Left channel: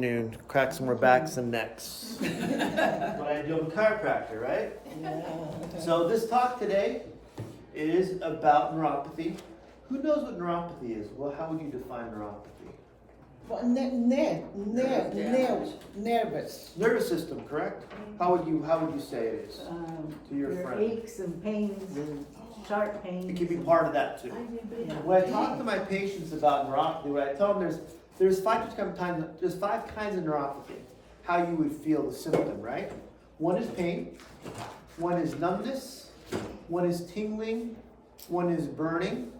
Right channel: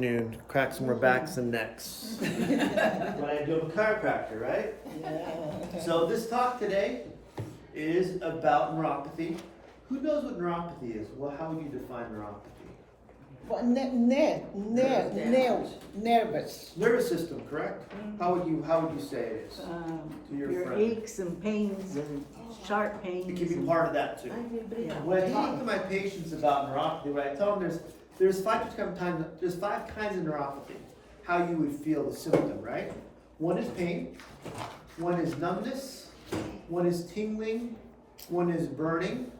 Crack some more backs and necks. What I do, I'm a chiropractor, right? So this talk today is about neuropathy. Who knows what neuropathy is? Well, how would you define neuropathy? Well, nervous. Nervous system, correct? How would you say it is to your friend? Aches and pains and sharp pains. It can be part of that too. When I talk to my patients about neuropathy, what I tell them there's five kinds of neuropathy. How you would feel the symptom, right? One is pain, one is numbness, one is tingling, one is burning,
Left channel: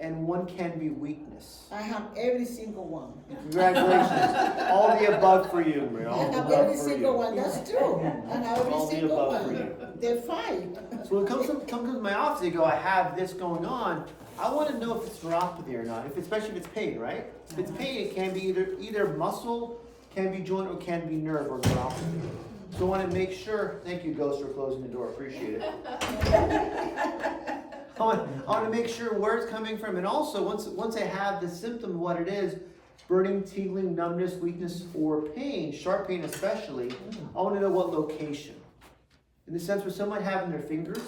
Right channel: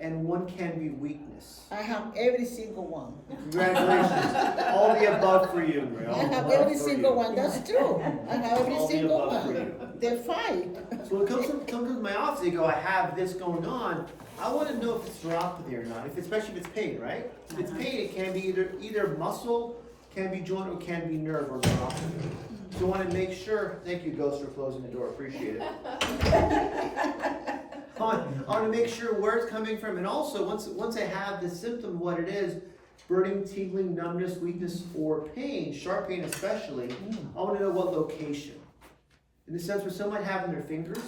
and one can be weakness. I have every single one. Congratulations. All the above for you, Maria. I have every single one, that's true. I have every All the single above for one. you. They're fine. So when it comes to my office, they go, I have this going on. I want to know if it's neuropathy or not, especially if it's pain, right? If it's pain, it can be either muscle, can be joint, or can be nerve or neuropathy. So I want to make sure, thank you, Ghost, for closing the door, appreciate it. I want to make sure where it's coming from, and also once I have the symptom, what it is, burning, tingling, numbness, weakness, or pain, sharp pain especially, I want to know what location. In the sense where someone having their fingers,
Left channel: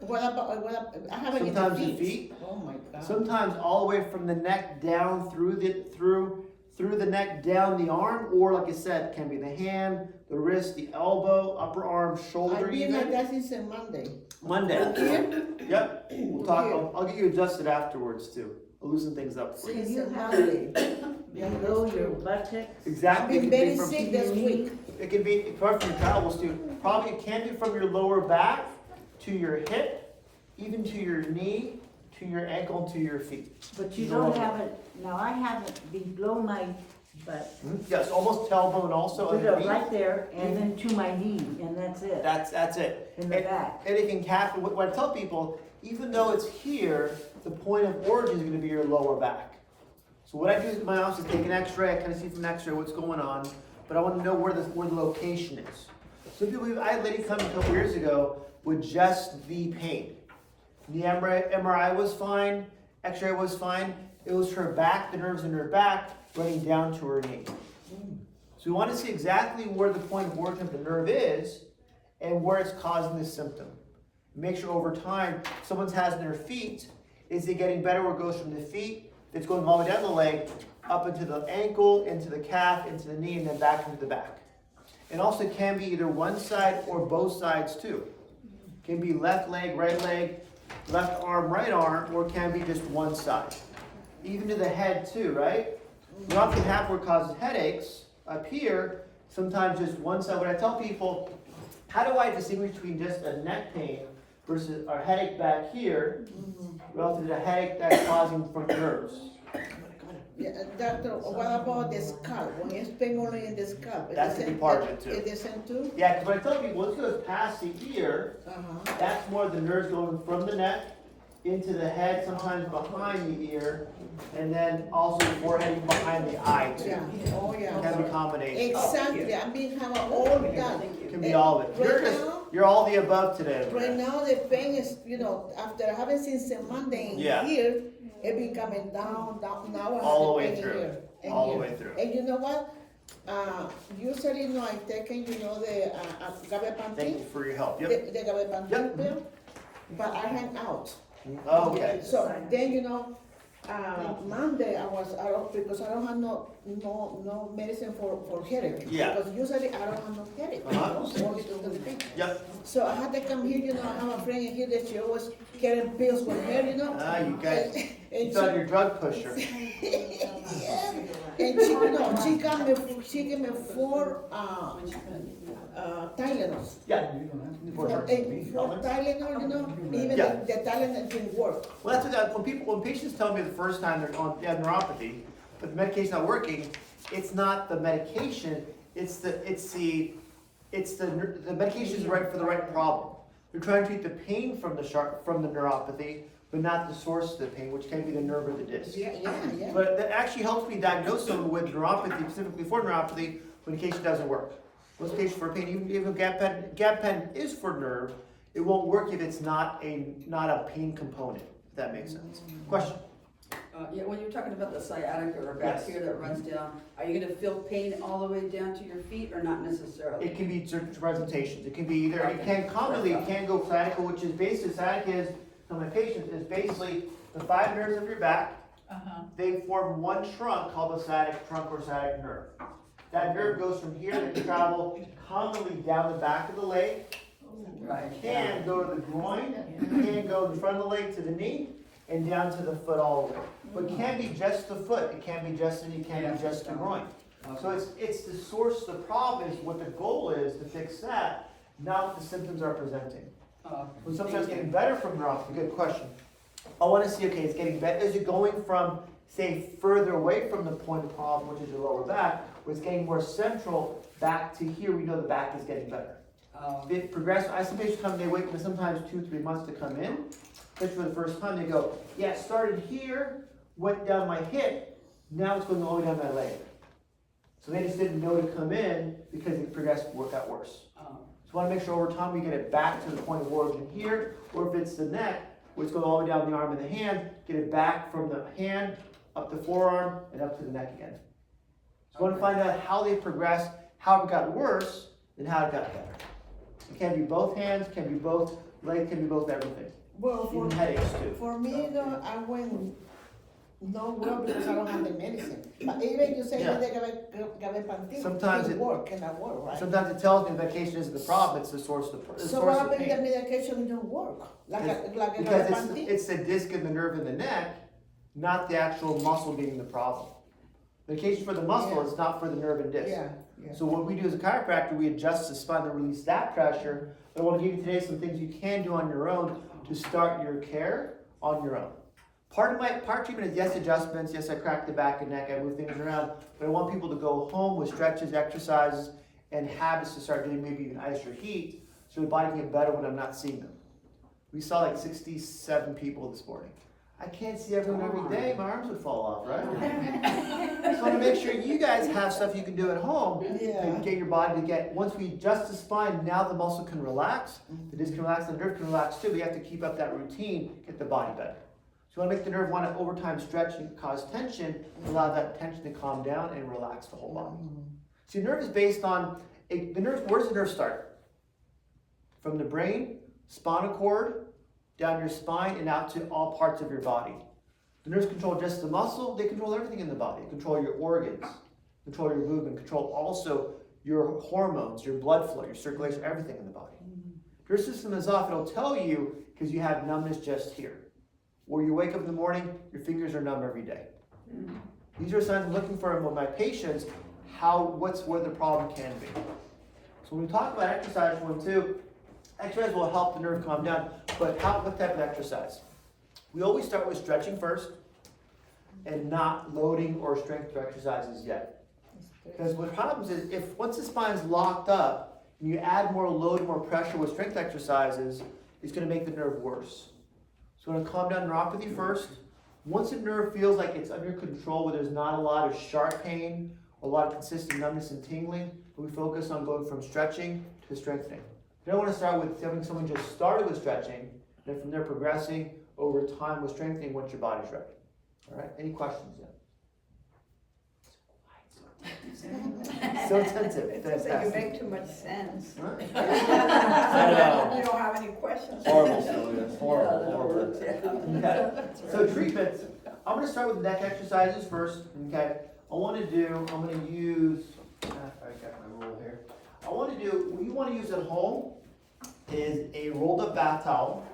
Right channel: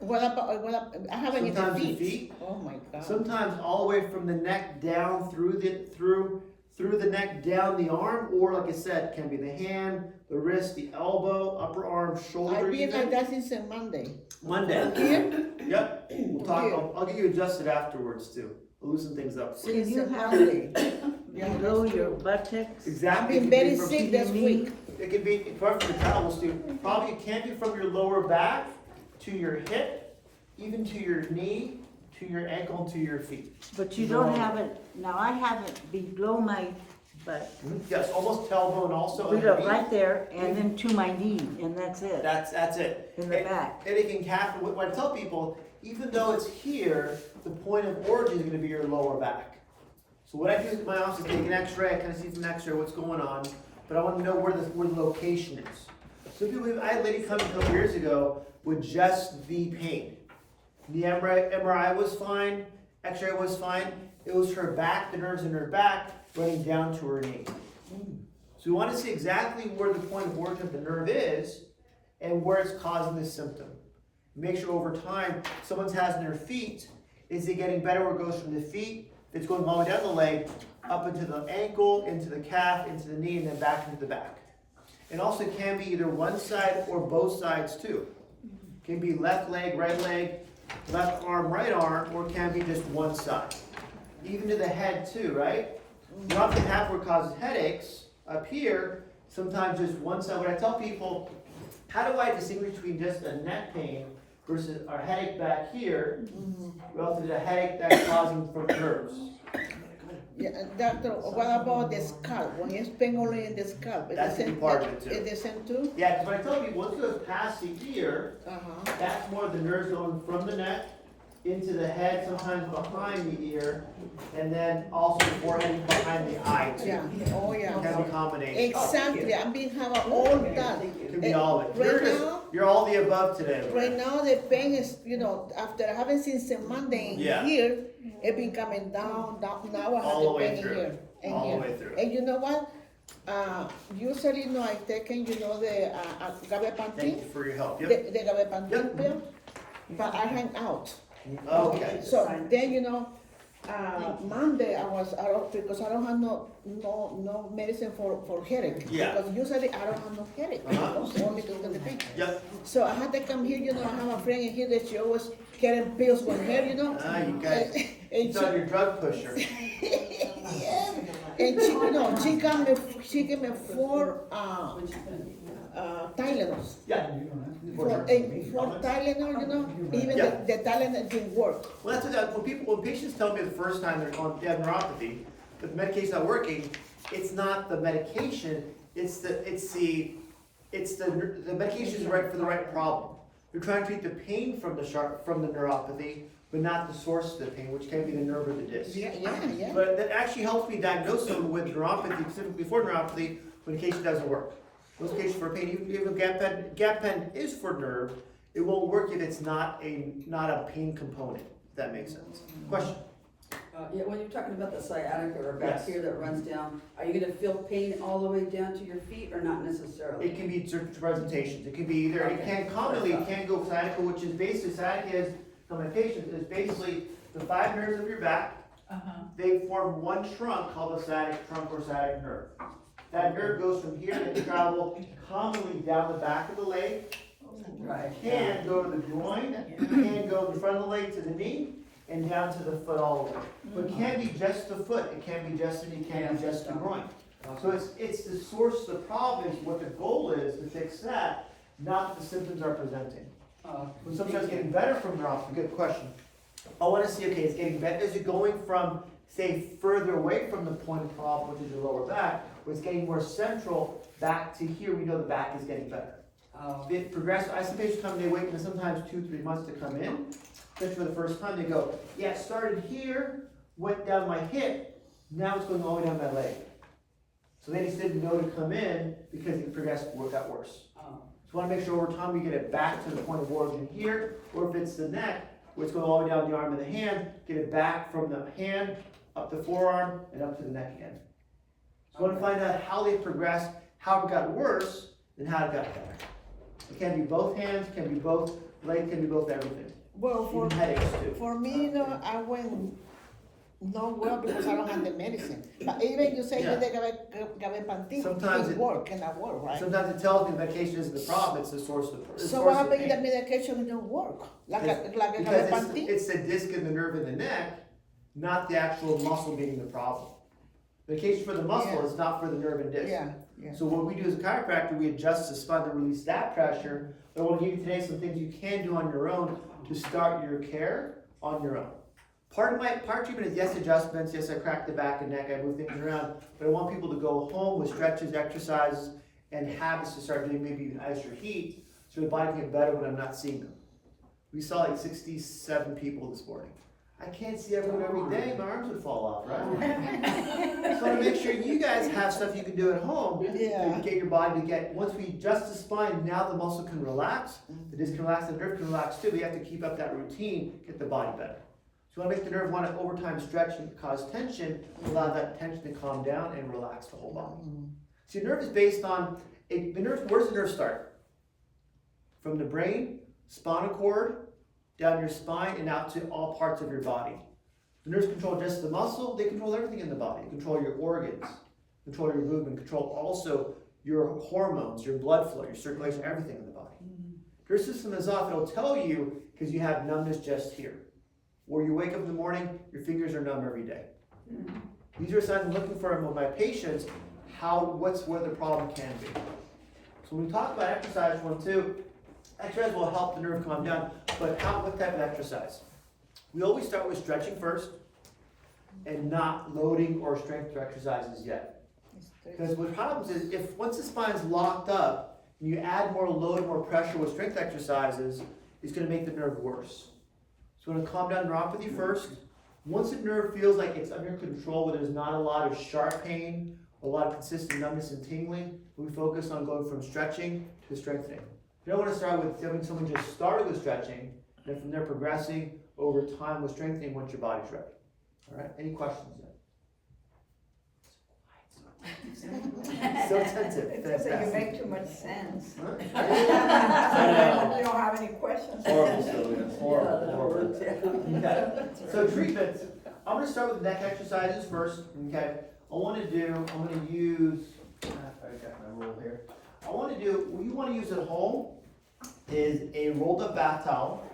What about, I haven't even sometimes the feet. feet, Oh my God. sometimes all the way from the neck down through the neck down the arm, or like I said, can be the hand, the wrist, the elbow, upper arm, shoulder. I've been like Even that since Monday. Monday. Here? Yep. We'll talk. I'll get you adjusted afterwards too. I'll loosen things up. So you Since have Monday. you know your buttocks. Exactly. I've been It can be very from- sick this week. It can be from your travels too. Probably it can be from your lower back to your hip, even to your knee, to your ankle, to your feet. But you don't have it, now I have it below my butt. Yes, almost tailbone also. underneath. Right there, and then to my knee, and that's it. That's it. In the back. And it can capture, what I tell people, even though it's here, the point of origin is gonna be your lower back. So what I do in my office is take an x-ray, I kinda see from x-ray what's going on, but I wanna know where the location is. So I had a lady come a couple years ago with just the pain. The MRI was fine, x-ray was fine, it was her back, the nerves in her back, running down to her knee. So we want to see exactly where the point of origin of the nerve is and where it's causing the symptom. Make sure over time, someone's has in their feet, is it getting better where it goes from the feet, it's going all the way down the leg, up into the ankle, into the calf, into the knee, and then back into the back. And also it can be either one side or both sides too. It can be left leg, left arm, right arm, or it can be just one side. Even to the head too, right? You often have where it causes headaches up here, sometimes just one side. When I tell people, how do I distinguish between just a neck pain versus a headache back here relative to a headache that's causing from nerves? Yeah, doctor, what about the scalp? When it's pain only in the scalp? That could be part of it too. Is the same too? Yeah, because when I tell people, once it goes past the ear, Uh-huh. that's more the nerves going from the neck into the head, sometimes behind the ear, and then also the forehead behind the eye too. Yeah, oh It yeah. has a combination. Exactly, I've been having all that. It can be all of it. Right You're all the above today. Right Maria. now, the pain is, after having since Monday in Yeah. here, it been coming down, now I have All the the way pain in through. here. and All the here. way through. And you know what? Usually, I've taken, the Thank gabapentin, you for your help. the Yep. gabapentin Yep. pill, but I ran out. Okay. So then, Monday I was out because I don't have no medicine for headache. Yeah. Because usually I don't have no headache. Uh-huh. Only to the pain. Yep. So I had to come here, I have a friend in here that she always getting pills for her, Ah, you guys. And You thought you're a drug pusher. and she gave me 4 Tylenols. Yeah. Four Tylenol, even Yeah. the Tylenol didn't work. Well, that's what when patients tell me the first time they have neuropathy, but the medication's not working, it's not the medication, the medication is right for the right problem. They're trying to treat the pain from the neuropathy, but not the source of the pain, which can be the nerve or the disc. Yeah. But that actually helps me diagnose someone with neuropathy, specifically for neuropathy, when the case doesn't work. Most cases for pain, even if a gap pen is for nerve, it won't work if it's not a pain component, if that makes sense. Question? Yeah, when you're talking about the sciatica or back Yes. here that runs down, are you gonna feel pain all the way down to your feet or not necessarily? It can be certain presentations. It can be either, it Okay. can commonly, it can go sciatica, which is basically, sciatica is, for my patients, is basically the 5 nerves of your back. They form one trunk called the sciatic trunk or sciatic nerve. That nerve goes from here and can travel commonly down the back of the leg, Right. can go to the groin, can go in the front of the leg to the knee, and down to the foot all the way. But it can't be just the foot, it can't be just the knee, it can't be just the groin. So it's the source, the problem is, what the goal is to fix that, not what the symptoms are presenting. When sometimes getting better from neuropathy, good question. I wanna see, okay, it's getting better, is it going from, say, further away from the point of problem, which is your lower back, or it's getting more central back to here, we know the back is getting better. It progresses, I see patients come, they wait for sometimes 2-3 months to come in, especially for the first time, they go, yeah, it started here, went down my hip, now it's going all the way down my leg. So they just didn't know to come in because it progressed, got worse. So we wanna make sure over time we get it back to the point of origin here, or if it's the neck, where it's going all the way down the arm and the hand, get it back from the hand, up the forearm, and up to the neck again. So we wanna find out how they progressed, how it got worse, and how it got better. It can be both hands, can be both legs, can be both everything. Well, Even headaches too. for me, I went not well because I don't have the medicine. But even you say Yeah. that they gabapentin, Sometimes it work, cannot work, right? Sometimes it tells me medication isn't the problem, it's the source of the So source what of about if the pain. medication don't work? Like a Because gabapentin? it's the disc in the nerve in the neck, not the actual muscle being the problem. Medication for the muscle Yeah. is not for the nerve and disc. Yeah, yeah. So what we do as a chiropractor, we adjust the spine to release that pressure. But I want to give you today some things you can do on your own to start your care on your own. Part of my treatment is yes, adjustments, yes, I crack the back and neck, I move things around, but I want people to go home with stretches, exercises, and habits to start doing, maybe even ice or heat, so the body can get better when I'm not seeing them. We saw like 67 people this morning. I can't see everyone every day, my arms would fall off, right? So I want to make sure you guys have stuff you can do at home Yeah. to get your body to get, once we adjust the spine, now the muscle can relax, the disc can relax, the nerve can relax too. We have to keep up that routine, get the body better. So I want to make the nerve want to over time stretch and cause tension, allow that tension to calm down and relax the whole body. So your nerve is based on, the nerve, where does the nerve start? From the brain, spinal cord, down your spine and out to all parts of your body. The nerves control just the muscle, they control everything in the body. They control your organs, control your movement, control also your hormones, your blood flow, your circulation, everything in the body. If your system is off, it'll tell you because you have numbness just here. Or you wake up in the morning, your fingers are numb every day. These are signs I'm looking for with my patients, where the problem can be. So when we talk about exercise, exercise will help the nerve calm down, but what type of exercise? We always start with stretching first, and not loading or strength exercises yet. Because what happens is, if once the spine is locked up, and you add more load, more pressure with strength exercises, it's gonna make the nerve worse. So we're gonna calm down neuropathy first. Once the nerve feels like it's under control, where there's not a lot of sharp pain, a lot of consistent numbness and tingling, we focus on going from stretching to strengthening. You don't want to start with having someone just started with stretching, then from there progressing over time with strengthening once your body's ready. All right, any questions yet? So attentive, It's because you fantastic. make too much sense. Huh? You don't have any questions. Horrible, Sylvia, horrible. Okay, so treatments, I'm gonna start with neck exercises first, okay? I'm gonna use, I got my rule here. What you wanna use at home is a rolled up bath towel.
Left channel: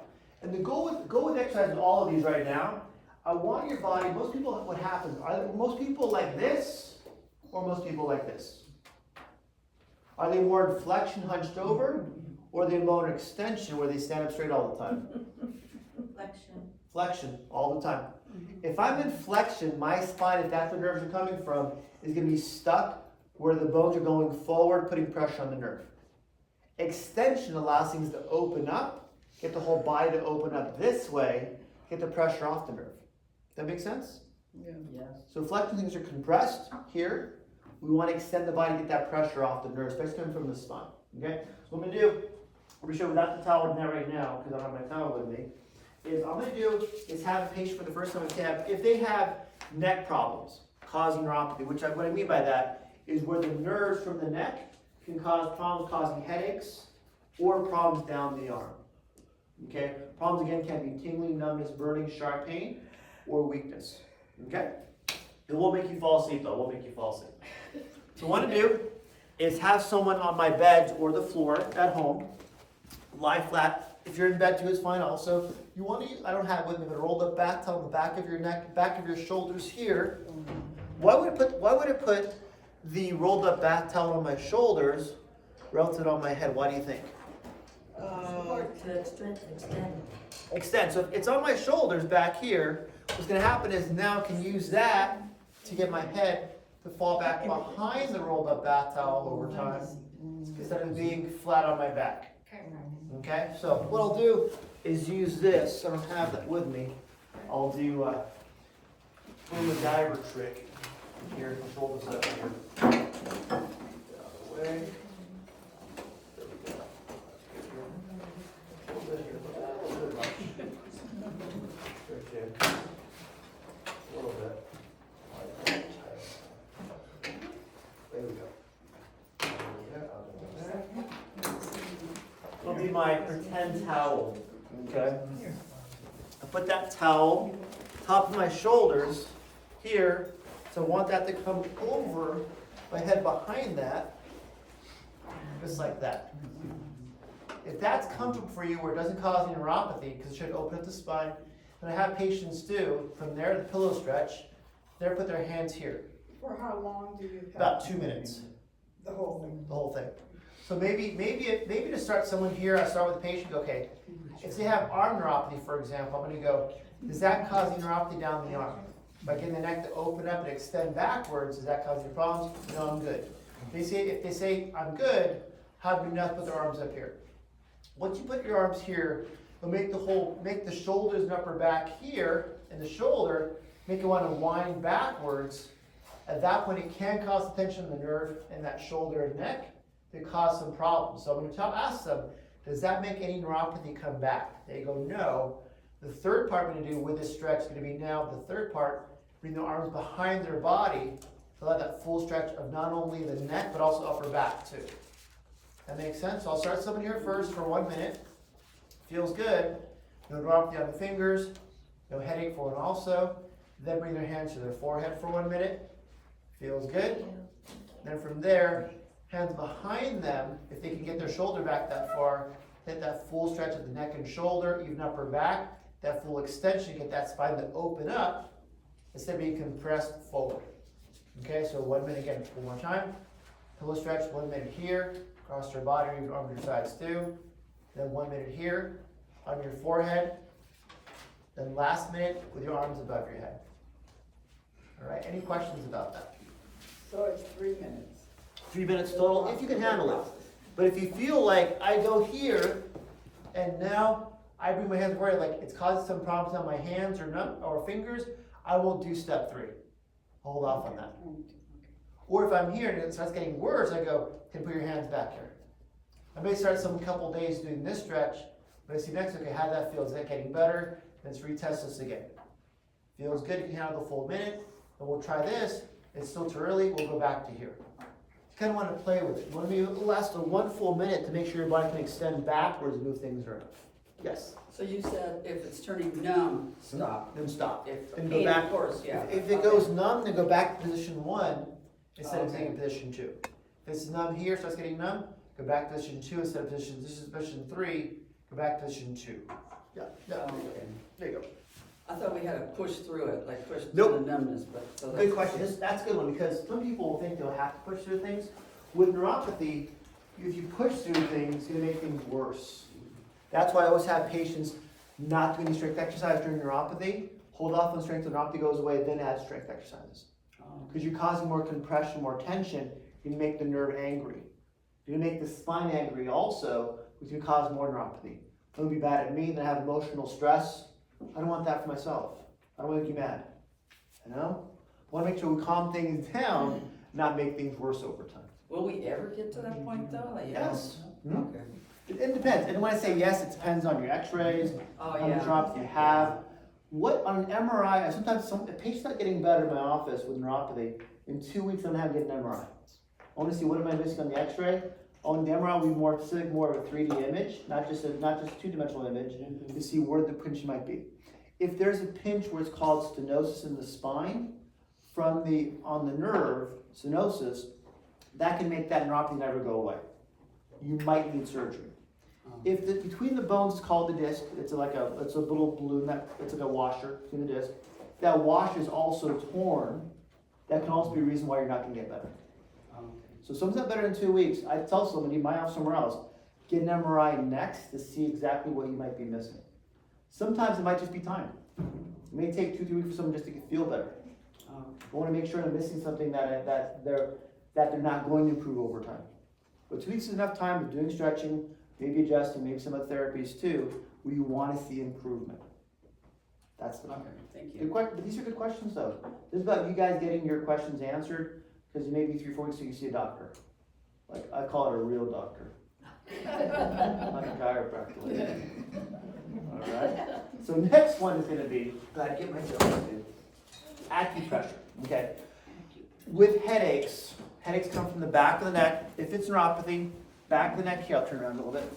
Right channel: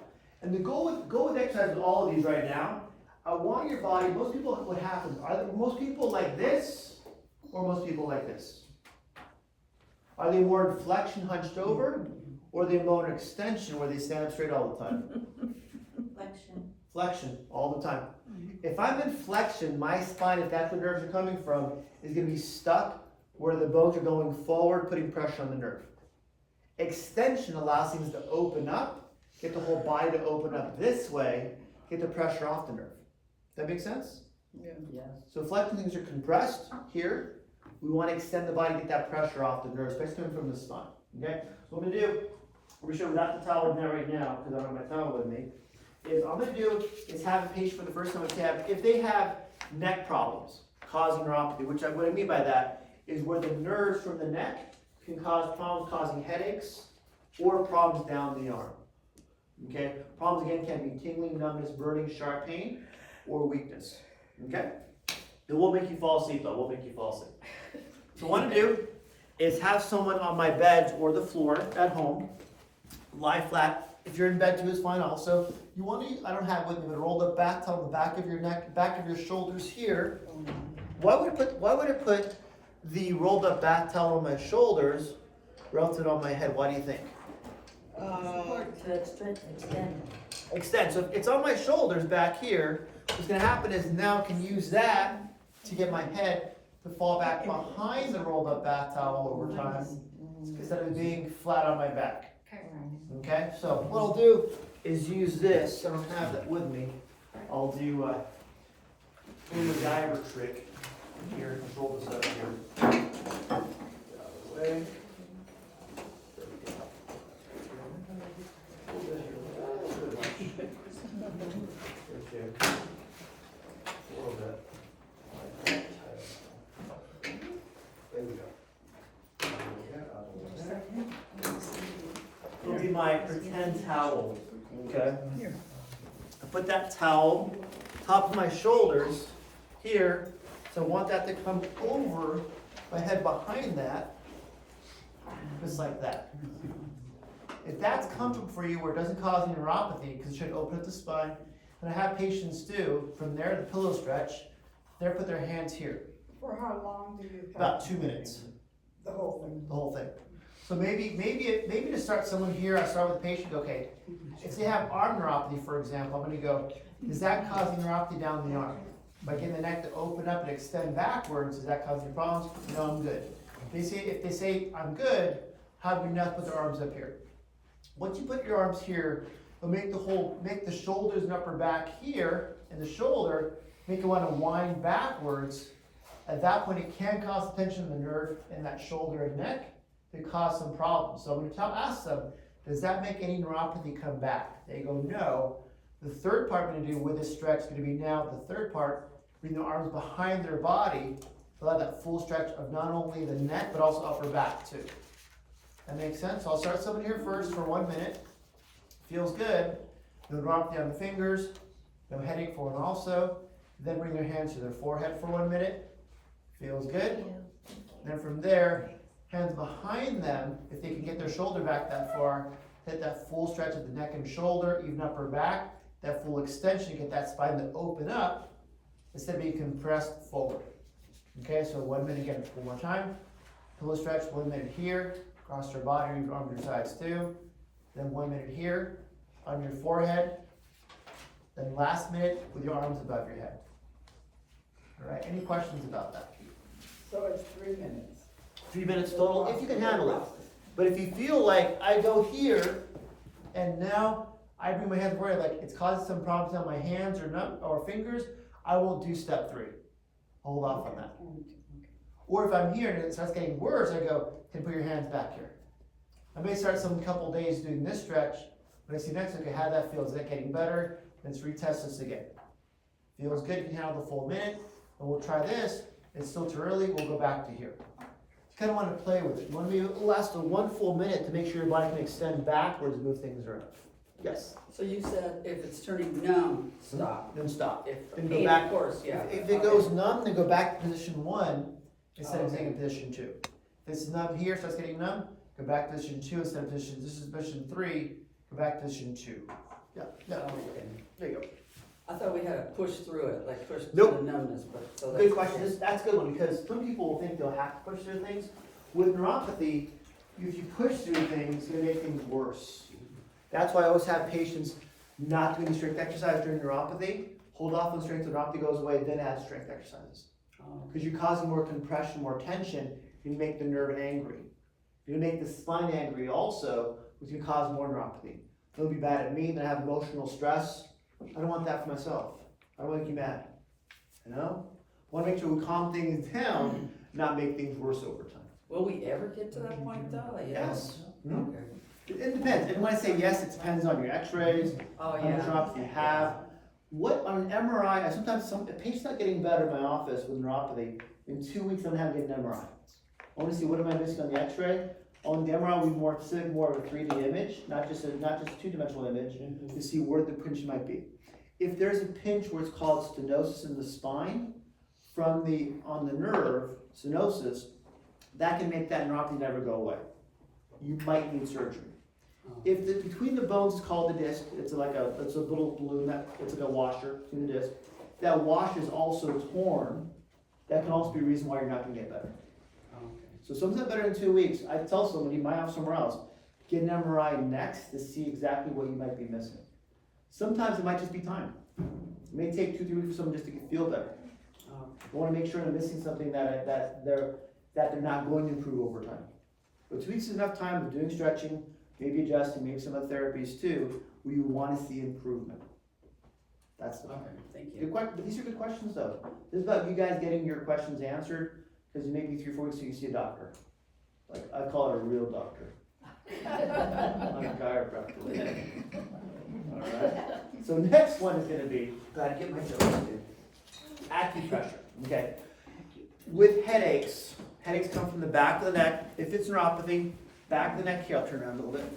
And the go with exercise with all of these right now, I want your body, most people, what happens, are most people like this, or most people like this? Are they more in flexion hunched over, or are they more in extension where they stand up straight all the time? Flexion, all the time. If I'm in flexion, my spine, if that's where nerves are coming from, is gonna be stuck where the bones are going forward, putting pressure on the nerve. Extension allows things to open up, get the whole body to open up this way, get the pressure off the nerve. That make sense? Yeah. Yes. So flexion things are compressed here. We want to extend the body, get that pressure off the nerve, especially coming from the spine. Okay? So what I'm gonna do, I'm gonna show without the towel in there right now, because I don't have my towel with me, is I'm gonna do is have a patient for the first time if they have neck problems causing neuropathy, what I mean by that is where the nerves from the neck can cause problems causing headaches or problems down the arm. Okay? Problems again can be tingling, numbness, burning, sharp pain, or weakness. Okay? It won't make you fall asleep though, it won't make you fall asleep. So what I want to do is have someone on my bed or the floor at home, lie flat. If you're in bed too, it's fine also. You want to use, I don't have it with me, but a rolled up back towel on the back of your neck, back of your shoulders here. Why would it put the rolled up back towel on my shoulders relative on my head? Why do you think? To extend. Extend. So if it's on my shoulders back here, what's going to happen is now I can use that to get my head to fall back behind the rolled up bath towel over time instead of being flat on my back. Okay, so what I'll do is use this. I don't have that with me. I'll do a MacGyver trick here. Control this up here. Out of the way. There we go. A little bit here. A little bit much. Okay. A little bit. There we go. It'll be my pretend towel, okay? I put that towel top of my shoulders here, so I want that to come over my head behind that, just like that. If that's comfortable for you where it doesn't cause any neuropathy, because it should open up the spine, and I have patients do, from there, the pillow stretch, they put their hands here. For how long do you have? About 2 minutes, The whole thing? the whole thing. So maybe to start someone here, I start with the patient, okay, if they have arm neuropathy, for example, I'm gonna go, is that causing neuropathy down the arm? By getting the neck to open up and extend backwards, is that causing problems? No, I'm good. If they say, I'm good, how do we not put their arms up here? Once you put your arms here, it'll make the shoulders and upper back here, and the shoulder, make it wanna wind backwards. At that point, it can cause tension in the nerve in that shoulder and neck to cause some problems. So I'm going to ask them, does that make any neuropathy come back? They go, no. The third part I'm going to do with this stretch is going to be now, the third part, bring the arms behind their body to allow that full stretch of not only the neck, but also upper back too. That makes sense? So I'll start someone here first for 1 minute. Feels good. No neuropathy on the fingers, no headache for one also. Then bring their hands to their forehead for 1 minute. Feels good. Then from there, hands behind them, if they can get their shoulder back that far, hit that full stretch of the neck and shoulder, even upper back, that full extension, get that spine to open up instead of being compressed forward. Okay, so 1 minute again, one more time. Pillow stretch, 1 minute here, across your body, your arms, your sides too. Then 1 minute here, on your forehead. Then last minute with your arms above your head. All right, any questions about that? So it's 3 minutes. 3 minutes total, if you can handle it. But if you feel like I go here, and now I bring my hands forward, like it's causing some problems on my hands or fingers, I will do step 3. Hold off on that. Or if I'm here and it starts getting worse, I go, can you put your hands back here? I may start some couple days doing this stretch, but I see next, okay, how that feels. Is that getting better? Let's retest this again. Feels good, you can handle the full minute, and we'll try this. It's still too early, we'll go back to here. You kind of want to play with it. You want to last 1 full minute to make sure your body can extend backwards and move things around. Yes? So you said if it's turning numb, stop. Then stop. If Then go pain, back. of course, yeah. If it goes numb, then go back to position 1 instead of staying in position 2. If it's numb here, starts getting numb, go back to position 2 instead of position, this is position 3, go back to position 2. Yeah, there you go. I thought we had to push through it, like push Nope. through the numbness, but so Good question. That's a good one because some people think they'll have to push through things. With neuropathy, if you push through things, it's going to make things worse. That's why I always have patients not doing strict exercise during neuropathy. Hold off on strength when neuropathy goes away, then add strength exercises. Because you're causing more compression, more tension, you make the nerve angry. You make the spine angry also, which can cause more neuropathy. They'll be bad at me, then have emotional stress. I don't want that for myself. I don't want to make you mad. You know? I want to make sure we calm things down, not make things worse over time. will we ever get to that point though? Like, Yes. Okay. It depends, and when I say yes, it depends on your x-rays, Oh, how many yeah. drops you have. What, on an MRI, sometimes a patient's not getting better in my office with neuropathy, in 2 weeks I'm gonna have to get an MRI. I wanna see what am I missing on the x-ray. On the MRI, we more specific, more of a 3D image, not just a two-dimensional image, to see where the pinch might be. If there's a pinch where it's called stenosis in the spine, on the nerve, stenosis, that can make that neuropathy never go away. You might need surgery. If between the bones is called the disc, it's a little balloon it's like a washer between the disc. That washer is also torn. That can also be a reason why you're not gonna get better. So something's not better in 2 weeks. I tell somebody, you might have somewhere else, get an MRI next to see exactly what you might be missing. Sometimes it might just be time. It may take 2-3 weeks for someone just to feel better. I wanna make sure they're missing something that they're not going to improve over time. But 2 weeks is enough time of doing stretching, maybe adjusting, maybe some other therapies too, where you wanna see improvement. That's the point. Thank you. Good question, but these are good questions though. This is about you guys getting your questions answered, because maybe 3-4 weeks so you see a doctor. Like, I call it a real doctor. Not a chiropractor. Alright, so next one is gonna be, gotta get my notes, dude. Acupressure, okay? With headaches come from the back of the neck. If it's neuropathy, back of the neck here, I'll turn around a little bit.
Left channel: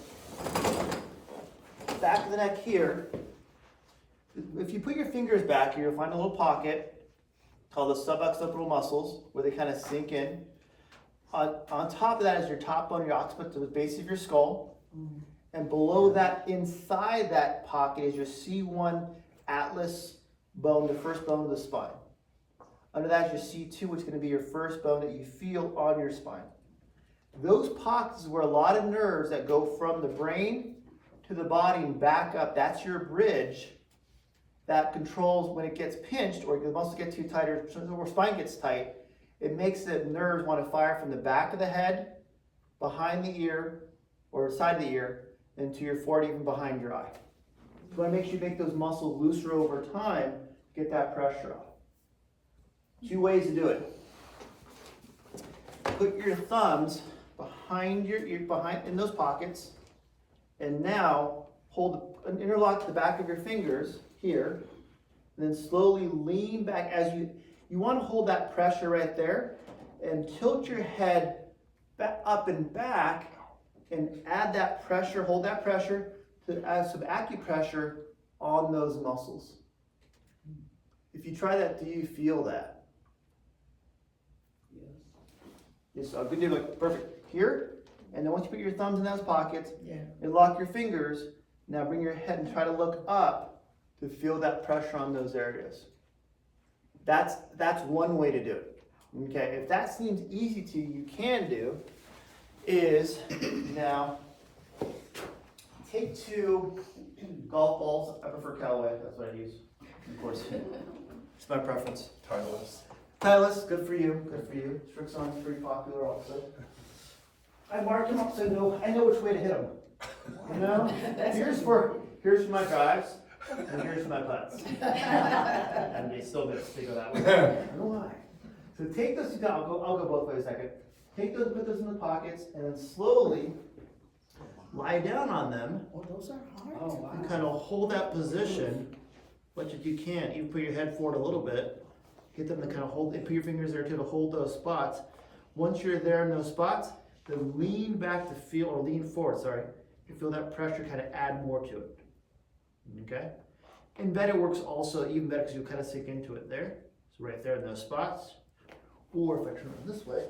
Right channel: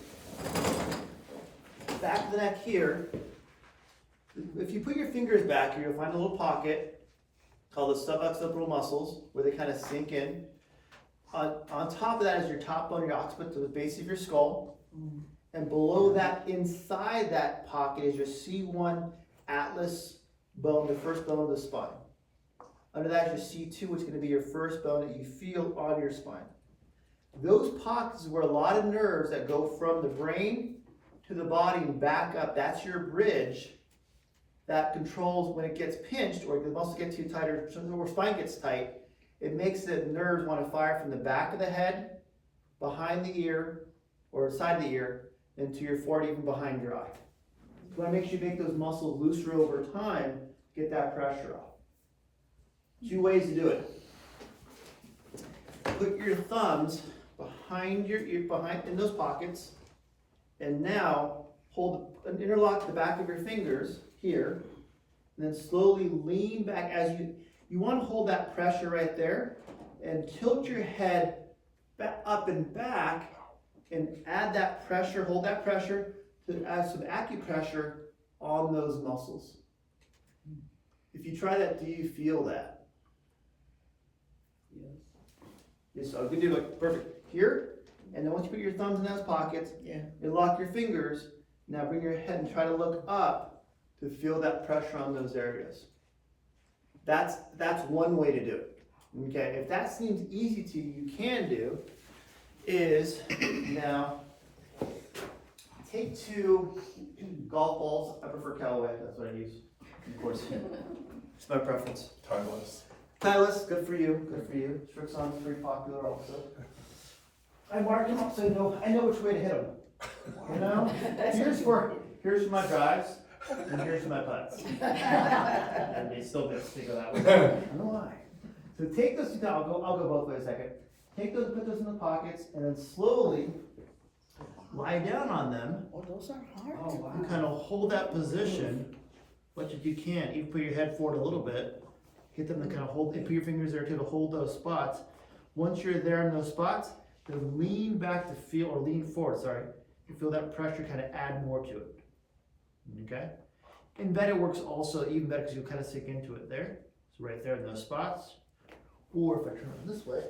Back of the neck here, if you put your fingers back here, you'll find a little pocket called the suboccipital muscles, where they kind of sink in. On top of that is your top bone, your occiput, to the base of your skull. And below that, inside that pocket, is your C1 atlas bone, the first bone of the spine. Under that is your C2, which is going to be your first bone that you feel on your spine. Those pockets is where a lot of nerves that go from the brain to the body and back up, that's your bridge that controls when it gets pinched or the muscles get too tight or spine gets tight. It makes the nerves want to fire from the back of the head, behind the ear, or side of the ear, into your forehead, even behind your eye. So that makes you make those muscles looser over time, get that pressure off. 2 ways to do it. Put your thumbs behind your ear, in those pockets, and now interlock the back of your fingers here, and then slowly lean back as you want to hold that pressure right there, and tilt your head back up and back, and add that pressure, hold that pressure, to add some acupressure on those muscles. If you try that, do you feel that? Yes, so good, do it, perfect. Here, and then once you put your thumbs in those pockets, and lock your fingers, now bring your head and try to look up to feel that pressure on those areas. That's one way to do it. Okay, if that seems easy to you, you can do is now take 2 golf balls. I prefer Callaway, that's what I use. Of course, it's my preference. Titleist, good for you, good for you. Strixon's pretty popular also. I mark them up so I know which way to hit them. You know, here's for my drives, and here's for my putts. And they still they go that way. I don't know why. So take those 2, I'll go both ways a second. Take those, put those in the pockets, and then slowly lie down on them. Oh, those are hard. Oh, wow. And kind of hold that position, much as you can. Even put your head forward a little bit. Get them to kind of hold, and put your fingers there too to hold those spots. Once you're there in those spots, then lean back to feel, or lean forward, sorry. You feel that pressure kind of add more to it. Okay? And better works also even better because you kind of sink into it there. So right there in those spots. Or if I turn it this way,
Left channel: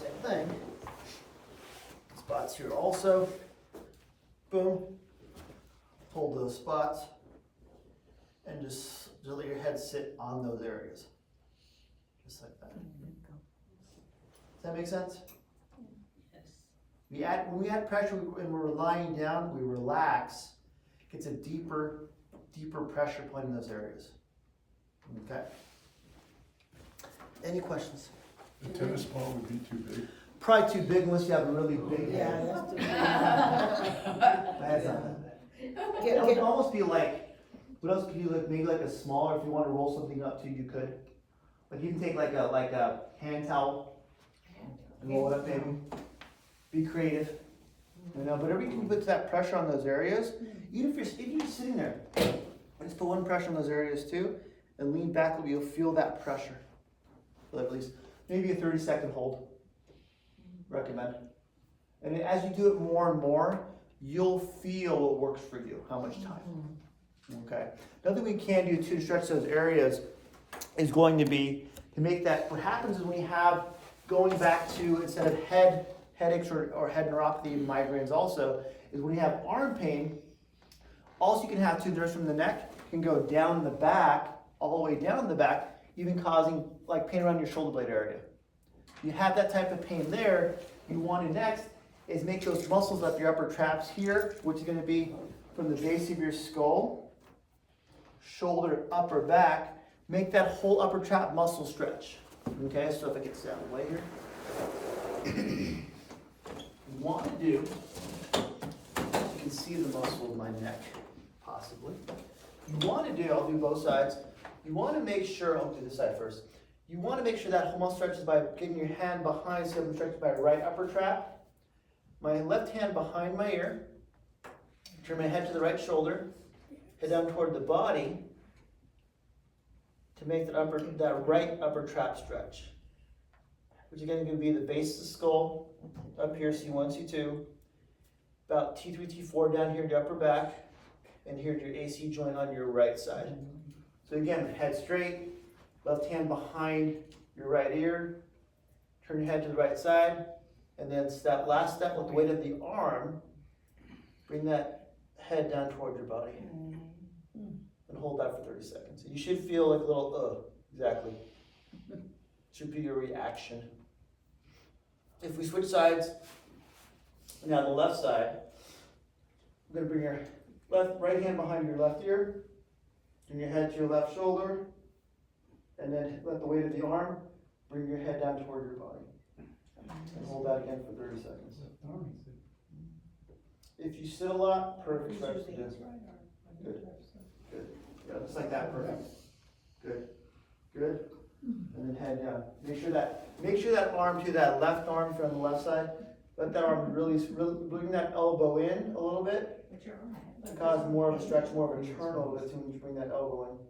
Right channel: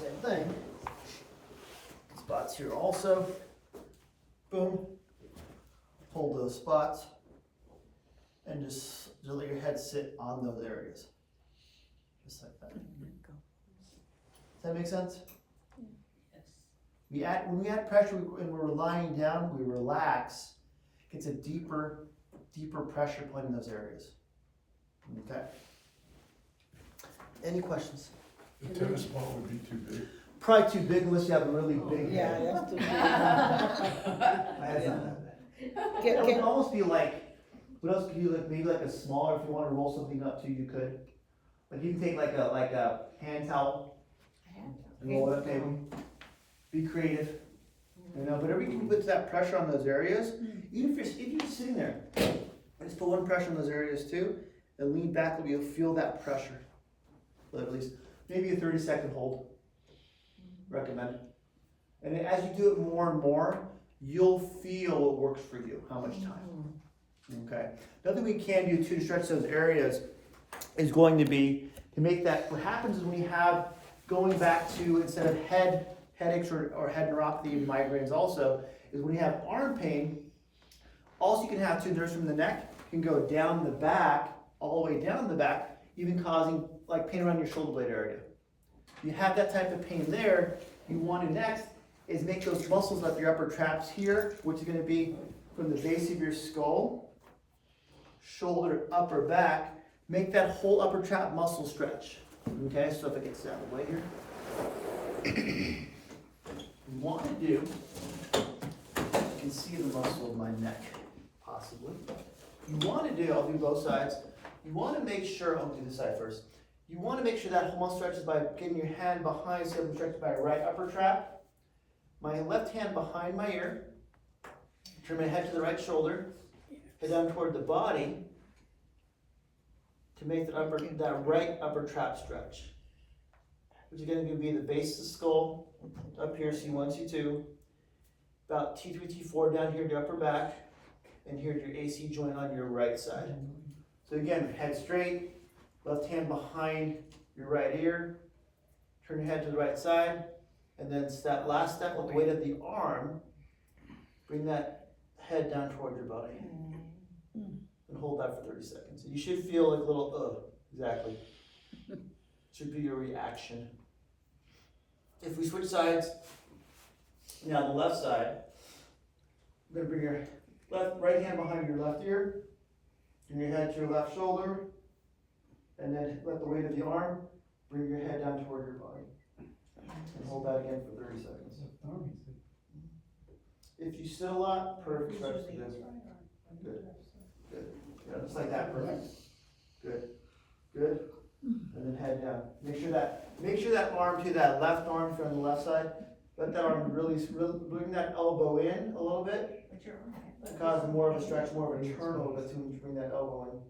same thing. Spots here also. Boom. Hold those spots. And just let your head sit on those areas. Just like that. Does that make sense? Yes. When we add pressure and we're lying down, we relax. It gets a deeper pressure point in those areas. Okay. Any questions? The tennis ball would be too big. Probably too big unless you have a really big Yeah, head. that's too My head's not that big. It would almost be like, what else could you like? Maybe like a smaller. If you want to roll something up too, you could. Like you can take like a hand towel and roll it up maybe. Be creative. You know, whatever you can put that pressure on those areas, even if you're just sitting there, just put one pressure on those areas too, and lean back, and you'll feel that pressure. For at least maybe a 30-second hold. Recommend. And then as you do it more and more, you'll feel what works for you, how much time. Okay. Another thing we can do to stretch those areas is going to be to make that, what happens is when you have, going back to, instead of headaches or head neuropathy and migraines also, is when you have arm pain, also you can have too, there's from the neck, can go down the back, all the way down the back, even causing like pain around your shoulder blade area. You have that type of pain there, you want to next is make those muscles up your upper traps here, which is going to be from the base of your skull, shoulder, upper back, make that whole upper trap muscle stretch. Okay, so if I get this out of the way here. You want to do, you can see the muscle of my neck, possibly. You want to do, I'll do both sides. You want to make sure, I'll do this side first. You want to make sure that whole muscle stretches by getting your hand behind, so I'm stretching my right upper trap. My left hand behind my ear. Turn my head to the right shoulder. Head down toward the body to make that right upper trap stretch. Which again is going to be the base of the skull, up here, C1, C2. About T3, T4 down here to your upper back. And here's your AC joint on your right side. So again, head straight, left hand behind your right ear. Turn your head to the right side. And then last step with the weight of the arm, bring that head down toward your body. And hold that for 30 seconds. You should feel like a little, exactly. Should be your reaction. If we switch sides, now the left side, I'm going to bring your right hand behind your left ear, bring your head to your left shoulder, and then let the weight of the arm bring your head down toward your body. And hold that again for 30 seconds. If you sit a lot, perfect stretch to this. Good. Good. Yeah, just like that, perfect. Good. Good. And then head down. Make sure that arm to that left arm from the left side. Let that arm really bring that elbow in a little bit. To cause more of a stretch, more of a turnover. That's when you bring that elbow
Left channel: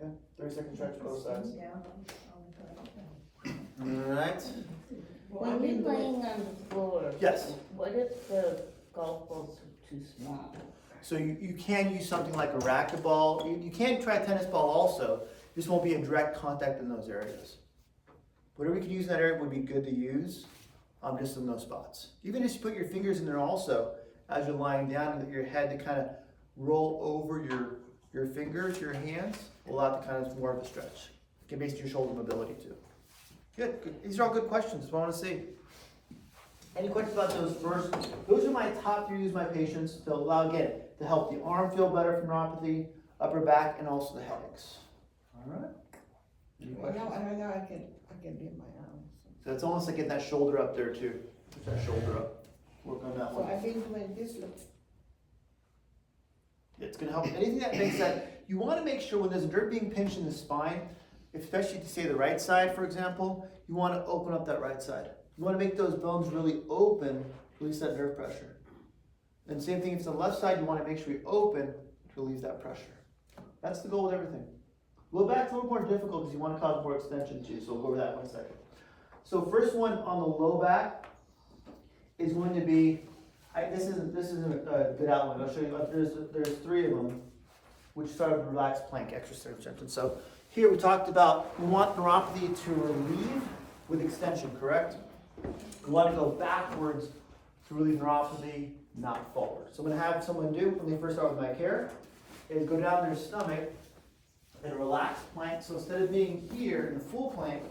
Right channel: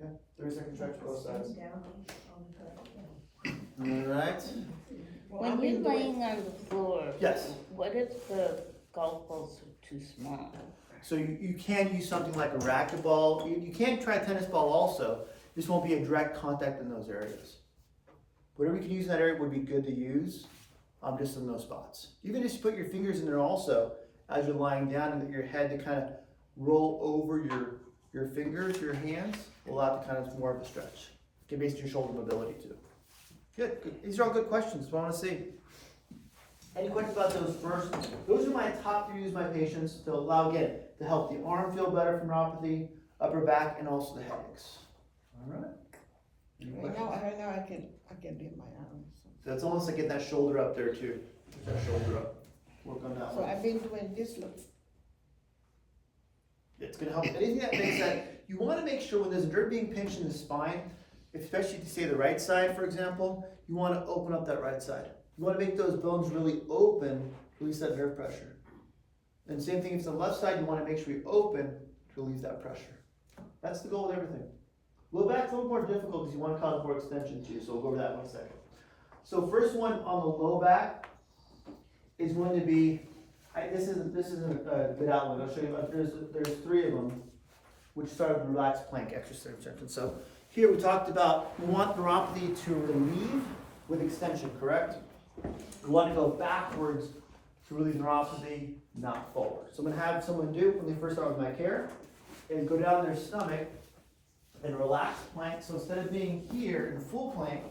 in. Yeah, 30-second stretch both sides. Alright. When you're laying on the floor, Yes. what if the golf balls are too small? So you can use something like a racquetball. You can try a tennis ball also. This won't be a direct contact in those areas. Whatever you can use in that area would be good to use, just in those spots. Even if you put your fingers in there also, as you're lying down, and your head to kind of roll over your fingers, your hands, will allow it to kind of more of a stretch. Get based on your shoulder mobility too. Good. These are all good questions. That's what I want to see. Any questions about those first? Those are my top 3 use my patients to allow, again, to help the arm feel better from neuropathy, upper back, and also the headaches. All right. Any questions? Right now I can do my arms. So that's almost like getting that shoulder up there too. Get that shoulder up. Work on that So one. I've been doing this look. It's going to help. Anything that makes that, you want to make sure when there's a nerve being pinched in the spine, especially to say the right side, for example, you want to open up that right side. You want to make those bones really open to release that nerve pressure. And same thing if it's the left side, you want to make sure you open to relieve that pressure. That's the goal with everything. Low back's a little more difficult because you want to cause more extension too, so we'll go over that in 1 second. So first one on the low back is going to be, this isn't a good outline. I'll show you. There's 3 of them, which start with relaxed plank exercise. So here we talked about, we want neuropathy to relieve with extension, correct? We want to go backwards to relieve neuropathy, not forward. So I'm going to have someone do, when they first start with my care, is go down their stomach and relax plank. So instead of being here in full plank,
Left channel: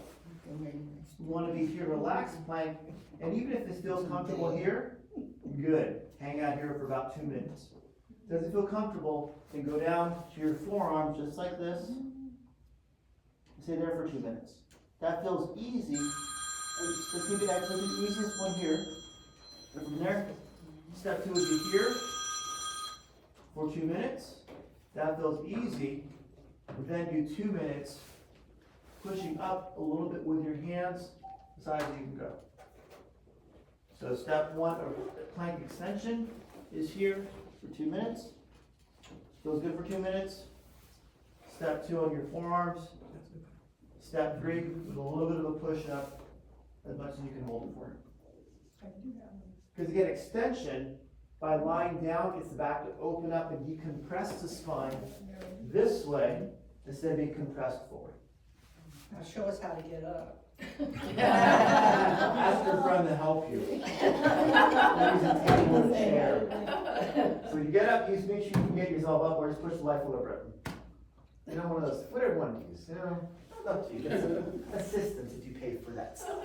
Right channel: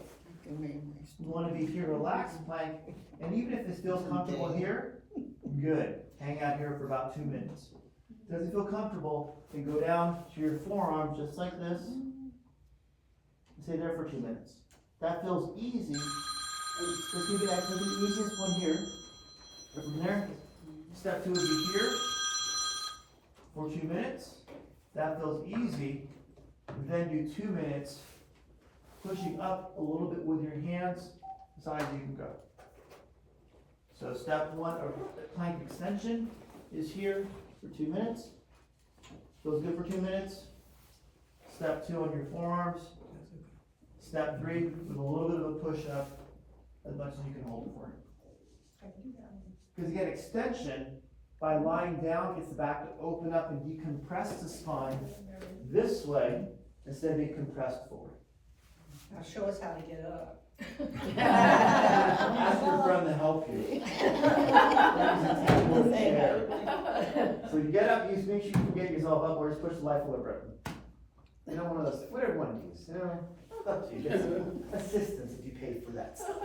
you want to be here relaxed plank. And even if this feels comfortable here, good. Hang out here for about 2 minutes. Does it feel comfortable? Then go down to your forearm just like this. And stay there for 2 minutes. That feels easy. This could be the easiest one here. And from there, step 2 would be here for 2 minutes. That feels easy. Then do 2 minutes, pushing up a little bit with your hands as high as you can go. So step one, or plank extension is here for 2 minutes. Feels good for 2 minutes. Step two on your forearms. Step three, with a little bit of a push up, as much as you can hold it for. Because again, extension, by lying down, gets the back to open up and decompress the spine this way, instead of being compressed forward. Now show us how to get up. Ask your friend to help you. Use a table or chair. So you get up, you make sure you can get yourself up, or just push the life over it. You know, one of those, whatever one needs, you know, it's up to you. Get some assistance if you pay for that stuff.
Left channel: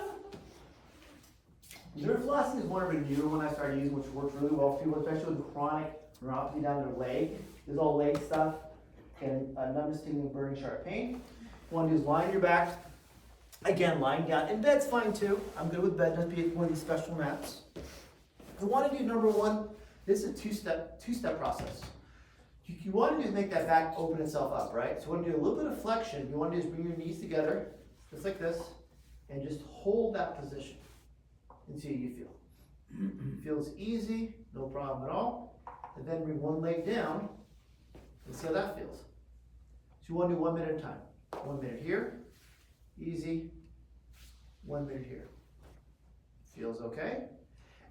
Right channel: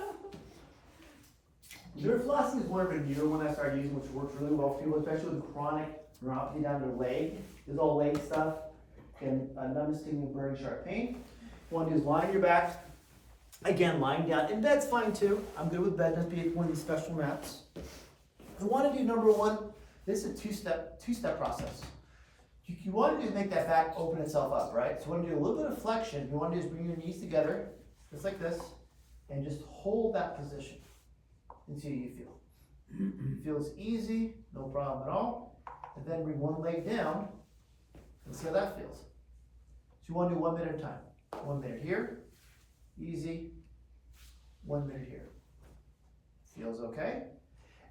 Flossing is one of a newer one I started using, which works really well for people, especially with chronic neuropathy down their leg. This is all leg stuff, and numbness, tingling, burning, sharp pain. One is lying your back. Again, lying down, and bed's fine too. I'm good with bed, not be one of these special mats. You want to do number one, this is a two-step process. You want to do is make that back open itself up, right? So you want to do a little bit of flexion. You want to do is bring your knees together, just like this, and just hold that position and see how you feel. It feels easy, no problem at all. And then bring one leg down and see how that feels. So you want to do 1 minute at a time. 1 minute here, easy. 1 minute here. Feels okay.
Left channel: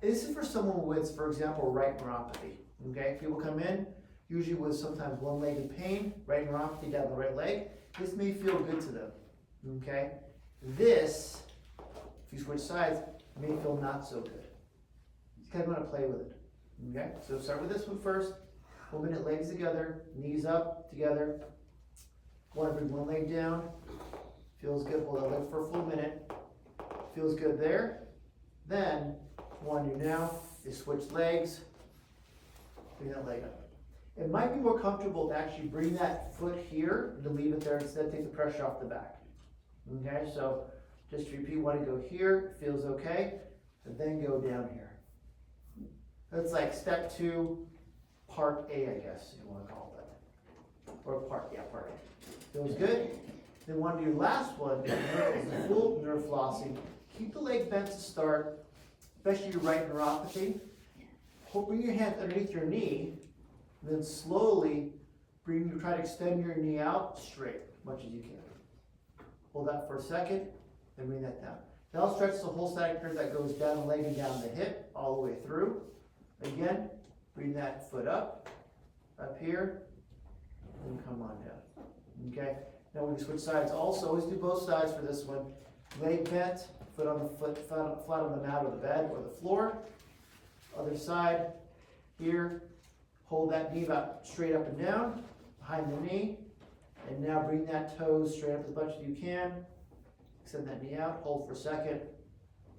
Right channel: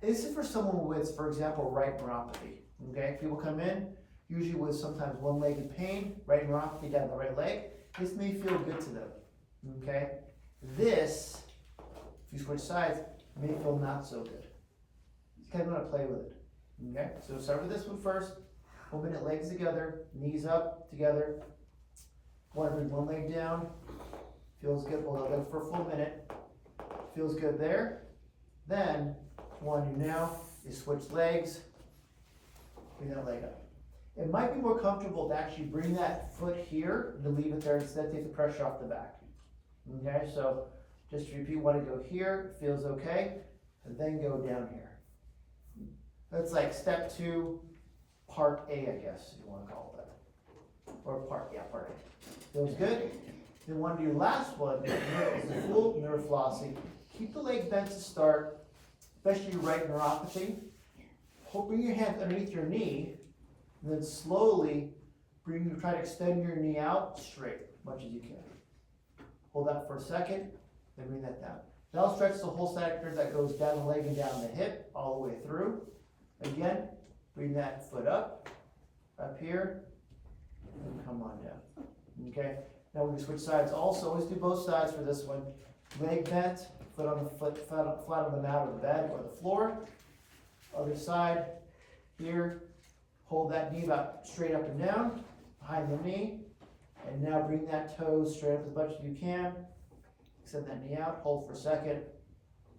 This is for someone with, for example, right neuropathy. Okay, people come in, usually with sometimes one-legged pain, right neuropathy down the right leg. This may feel good to them. Okay, this, if you switch sides, may feel not so good. You kind of want to play with it. Okay, so start with this one first. 1 minute, legs together, knees up together. Want to bring one leg down. Feels good. Hold that leg for a full minute. Feels good there. Then, what you do now is switch legs. Bring that leg up. It might be more comfortable to actually bring that foot here and to leave it there instead, take the pressure off the back. Okay, so just to repeat, want to go here, feels okay, and then go down here. That's like step two, part A, I guess, if you want to call it that. Or part A. Feels good. Then want to do last one, is the full Neuroflossing. Keep the leg bent to start, especially your right neuropathy. Bring your hand underneath your knee, and then slowly try to extend your knee out straight, as much as you can. Hold that for a second, then bring that down. Now stretch the whole side curve that goes down the leg and down the hip, all the way through. Again, bring that foot up here, and come on down. Okay, now we can switch sides also. Always do both sides for this one. Leg bent, foot on the flat on the mat or the bed or the floor. Other side, here. Hold that knee about straight up and down, behind the knee. And now bring that toe straight up as much as you can. Extend that knee out, hold for a second.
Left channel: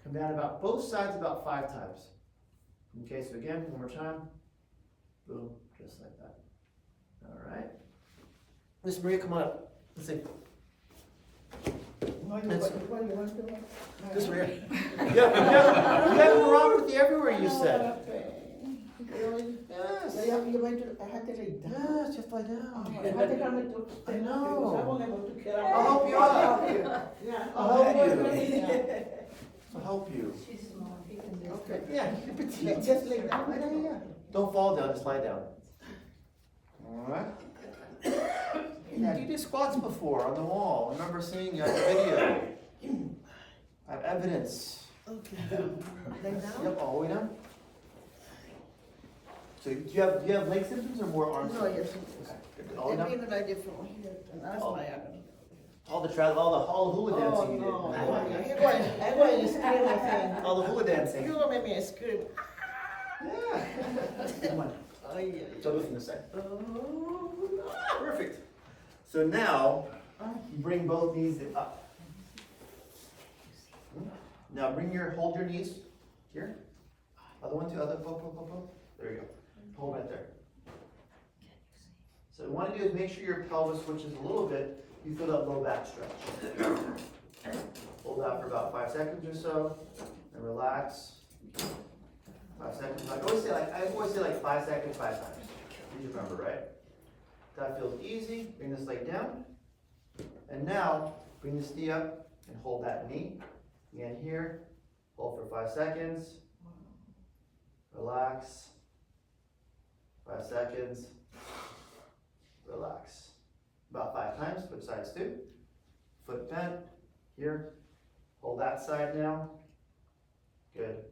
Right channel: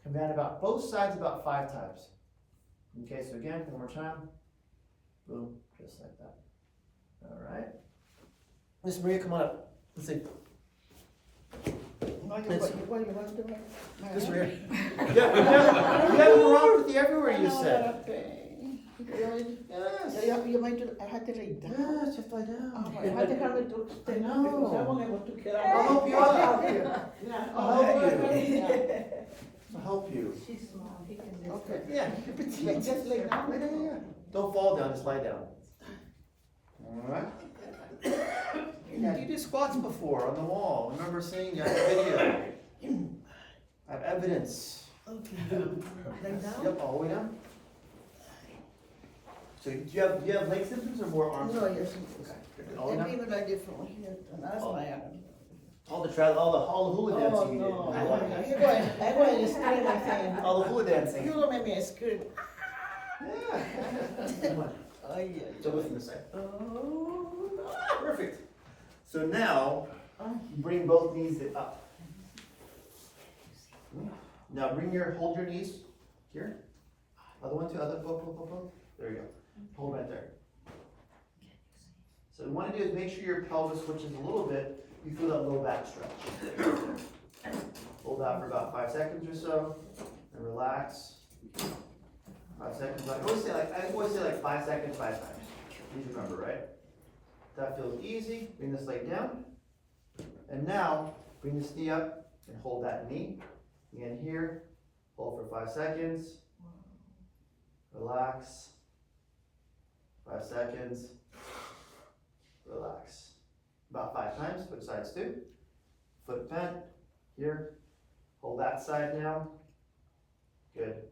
Come down about both sides about 5 times. Okay, so again, one more time. Boom, just like that. All right. Miss Maria, come on up. Let's see. This Maria. You have neuropathy everywhere, you said. Yes. I had to read that. Yes, just lie down. I had to have it to I extend know. because I wasn't able to get out. I'll help you out. Yeah. I'll help you. I'll help you. She's small, he can do it. Okay. Yeah, you're petite. Just lay down. Yeah. Don't fall down, just lie down. Alright. Yeah, you did squats before on the wall. I remember seeing you on the video. I have evidence. Okay. Lay down? Yep, all the way down. So do you have leg symptoms or more arm No, symptoms? yes. Okay. All the way And down? even I did from here, and that's Oh. my agony. All the hula dancing Oh, you no. did. You're going to scream, my friend. All the hula dancing. You're going to make me scream. Yeah. Come on. Ay, ay, Double from this side. Oh. Perfect. So now, bring both knees up. Now hold your knees here. Other one, two, other, both. There you go. Hold right there. So what you want to do is make sure your pelvis switches a little bit. You feel that low back stretch. Hold that for about 5 seconds or so, and relax. 5 seconds. I always say like 5 seconds 5 times. Please remember, right? That feels easy. Bring this leg down. And now, bring this knee up and hold that knee. Again here. Hold for 5 seconds. relax. 5 seconds, relax. About 5 times, switch sides too. Foot bent, here. Hold that side now. Good.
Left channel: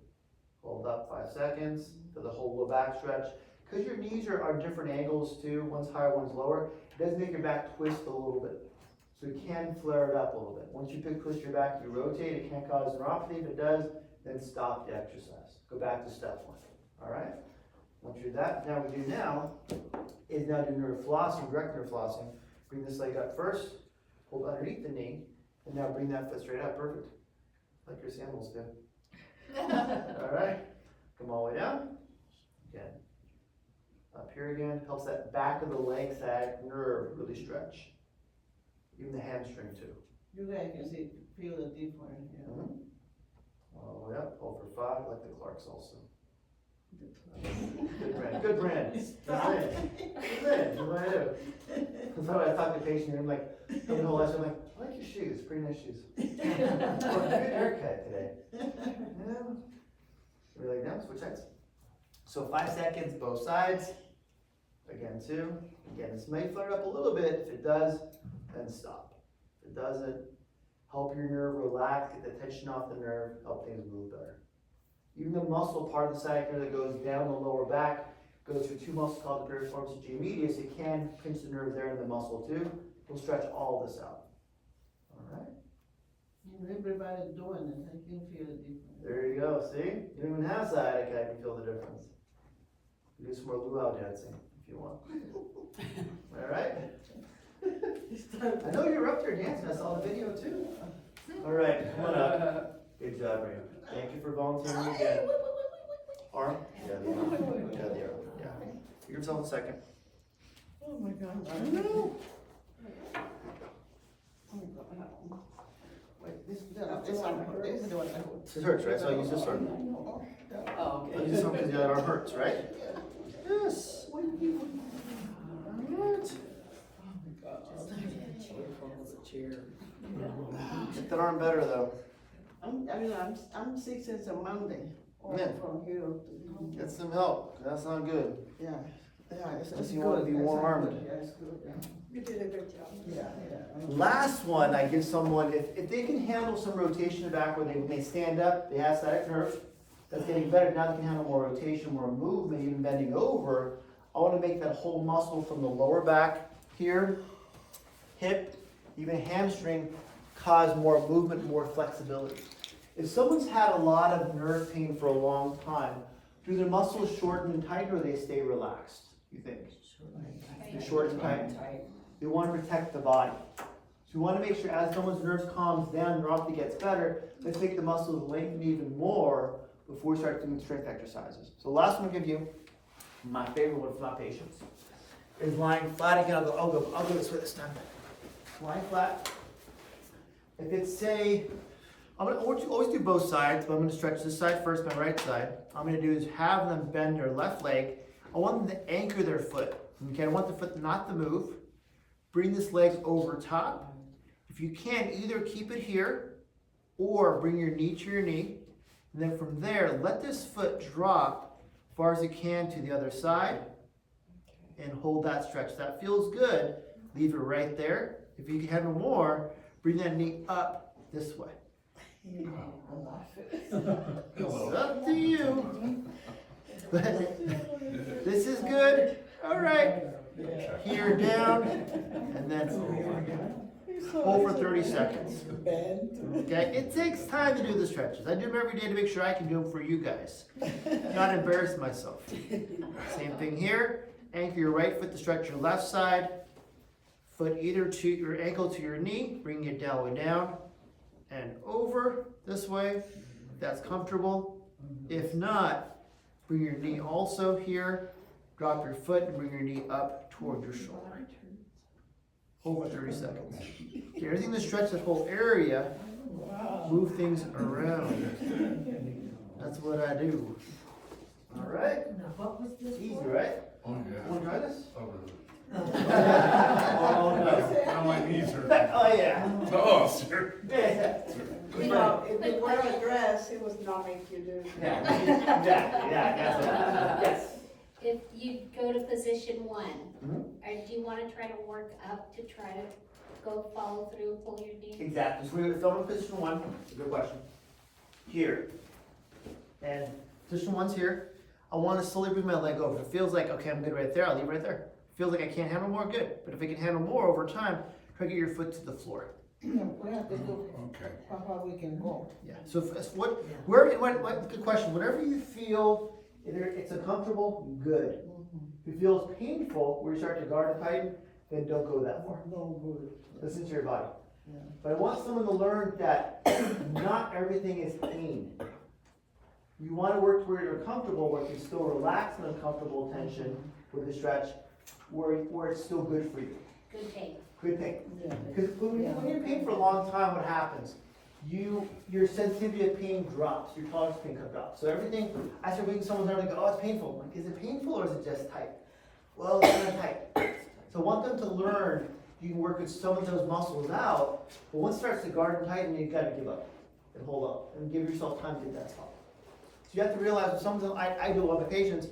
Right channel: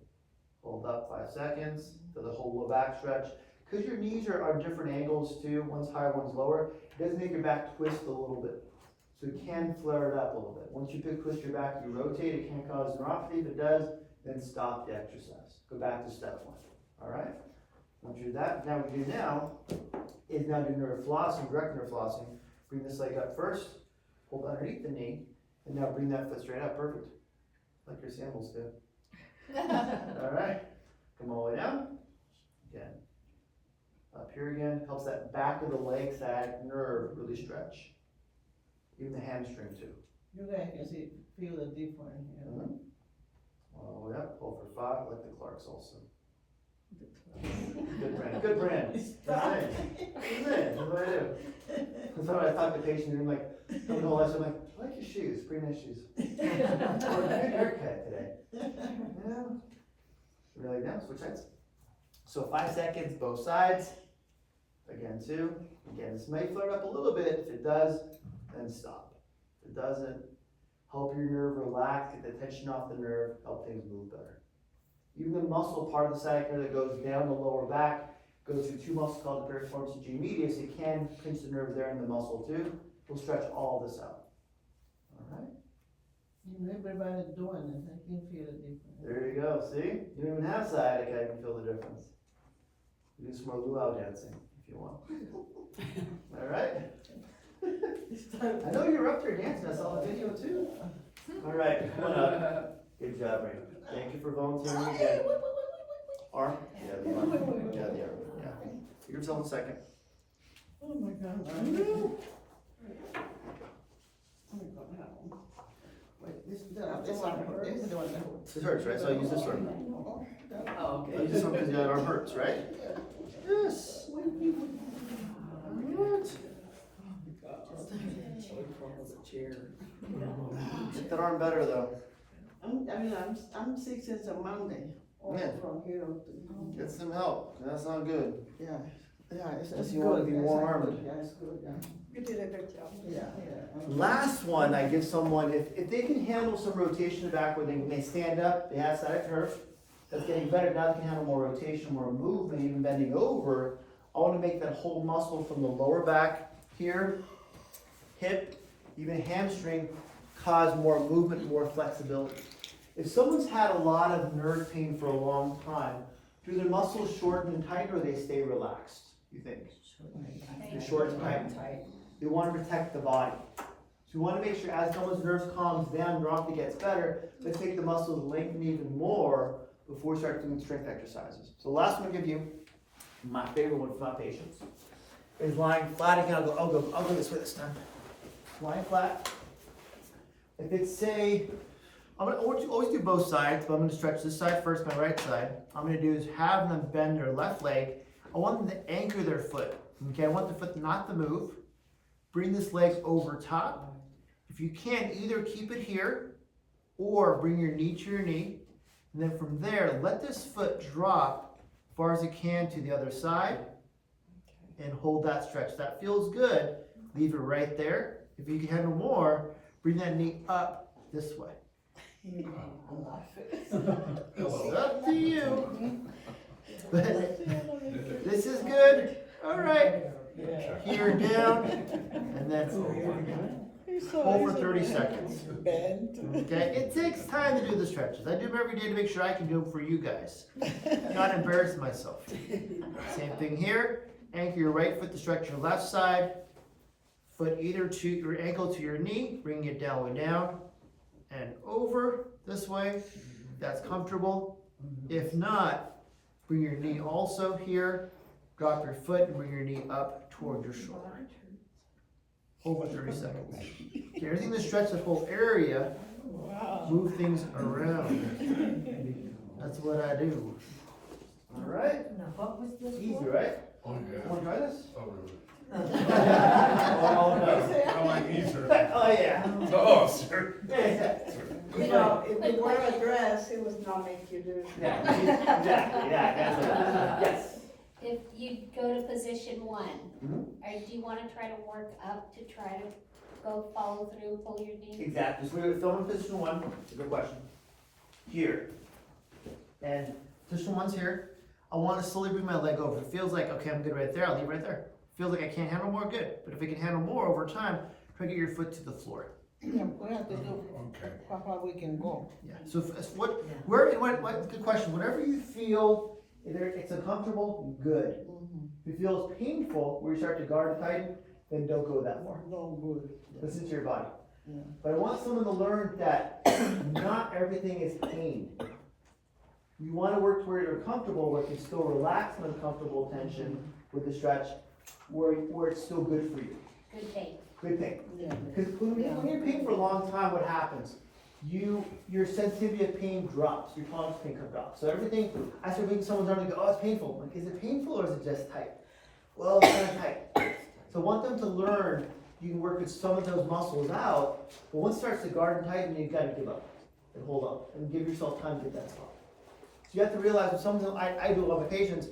Hold up 5 seconds, do the whole low back stretch. Because your knees are different angles too, one's higher, one's lower, it does make your back twist a little bit. So it can flare it up a little bit. Once you twist your back, you rotate, it can cause neuropathy. If it does, then stop the exercise. Go back to step 1, all right? Once you do that, now what we do now is now do nerve flossing, direct nerve flossing. Bring this leg up first, hold underneath the knee, and now bring that foot straight up, perfect. Like your sandals do. All right, come all the way down, again. Up here again, helps that back of the leg side nerve really stretch. Even the hamstring too. You guys can see, feel the difference, yeah. All the way up, hold for 5, like the Clarks also. Good brand, good brand. That's it. That's what I do. That's why I talk to patients and I'm like, coming whole lesson, I'm like, I like your shoes, pretty nice shoes. Or a good haircut today. Yeah. Really down, switch sides. So 5 seconds, both sides. Again, 2. Again, this may flare up a little bit. If it does, then stop. If it doesn't, help your nerve relax, get the tension off the nerve, help things move better. Even the muscle part of the sciatic nerve that goes down the lower back goes through 2 muscles called the piriformis and G medius. It can pinch the nerve there in the muscle too. We'll stretch all this out. All right. Everybody's doing it, I can feel the difference. There you go. See? You don't even have sciatic, I can feel the difference. Do some more luau dancing if you want. All right. I know you're up there dancing. I saw the video too. All right, come on up. Good job, Rita. Thank you for volunteering again. Arm? Yeah, the arm. Yeah, the arm. Yeah. Give yourself a second. Oh my God. I know. Wait, this is the one that This hurts, right? So I'll use this arm. Oh, I'll use this one because the other arm hurts, right? Yes. Alright. Get that arm better though. I'm sick since a Monday. Yeah. From here to. Get some help. That's not good. Yeah, it's Unless good. you wanna be That's warm-armed. good. Yeah, it's good, yeah. You did a good job. Yeah. Last one, I give someone, if they can handle some rotation back where when they stand up, they have sciatic nerve, that's getting better, now they can handle more rotation, more movement, even bending over. I wanna make that whole muscle from the lower back here, hip, even hamstring, cause more movement, more flexibility. If someone's had a lot of nerve pain for a long time, do their muscles shorten and tighten or they stay relaxed, you think? They're short and tight. We want to protect the body. So we want to make sure as someone's nerves calms down, neuropathy gets better, let's make the muscles lengthen even more before we start doing strength exercises. So the last one I'll give you, my favorite one for my patients, is lying flat again. I'll go this way this time. Lying flat. If it's say, I'm gonna always do both sides, but I'm gonna stretch this side first, my right side. I'm gonna do is have them bend their left leg. I want them to anchor their foot. Okay, I want the foot not to move. Bring this leg over top. If you can, either keep it here or bring your knee to your knee. And then from there, let this foot drop as far as it can to the other side and hold that stretch. That feels good. Leave it right there. If you can handle more, bring that knee up this way. It's up to you. But this is good. All right. Here down and then over. Hold for 30 seconds. Okay, it takes time to do the stretches. I do them every day to make sure I can do them for you guys. Not embarrass myself. Same thing here. Anchor your right foot to stretch your left side. Foot either to your ankle to your knee, bring it down and over this way. If that's comfortable. If not, bring your knee also here. Drop your foot and bring your knee up toward your shoulder. Over 30 seconds. Okay, everything to stretch that whole area, move things around. That's what I do. All right. Easy, right? Oh, yeah. Want to try this? Oh, really? Oh, no. Now my knees hurt. Oh, yeah. Oh, sir. Well, if you wear a dress, it was not make you do. Yeah, exactly, yeah, that's what, yes. If you go to position one, Mhm. or do you wanna try to work up to try to go follow through, pull your knee? Exactly, so we're filming position one, it's a good question. Here. And position one's here. I wanna slowly bring my leg over. If it feels like, okay, I'm good right there, I'll leave right there. Feels like I can't handle more, good. But if I can handle more over time, try to get your foot to the floor. Yeah, we have to do Okay. how we can go. Yeah, so if what, good question, whatever you feel, either it's uncomfortable, good. If it feels painful, where you start to guard and tighten, then don't go that far. No good. Listen to your body. Yeah. But I want someone to learn that not everything is pain. You want to work where you're comfortable, where you can still relax an uncomfortable tension with the stretch, where it's still good for you. Good pain. Good pain. Yeah. Because when you're in pain for a long time, what happens? Your sensitivity of pain drops, your tolerance of pain drops. So everything, I start making someone's arm and go, oh, it's painful. I'm like, is it painful or is it just tight? Well, it's kind of tight. So I want them to learn you can work with some of those muscles out, but once it starts to guard and tighten, you gotta give up and hold up and give yourself time to get that spot. So you have to realize with some of them, I do a lot of my patients,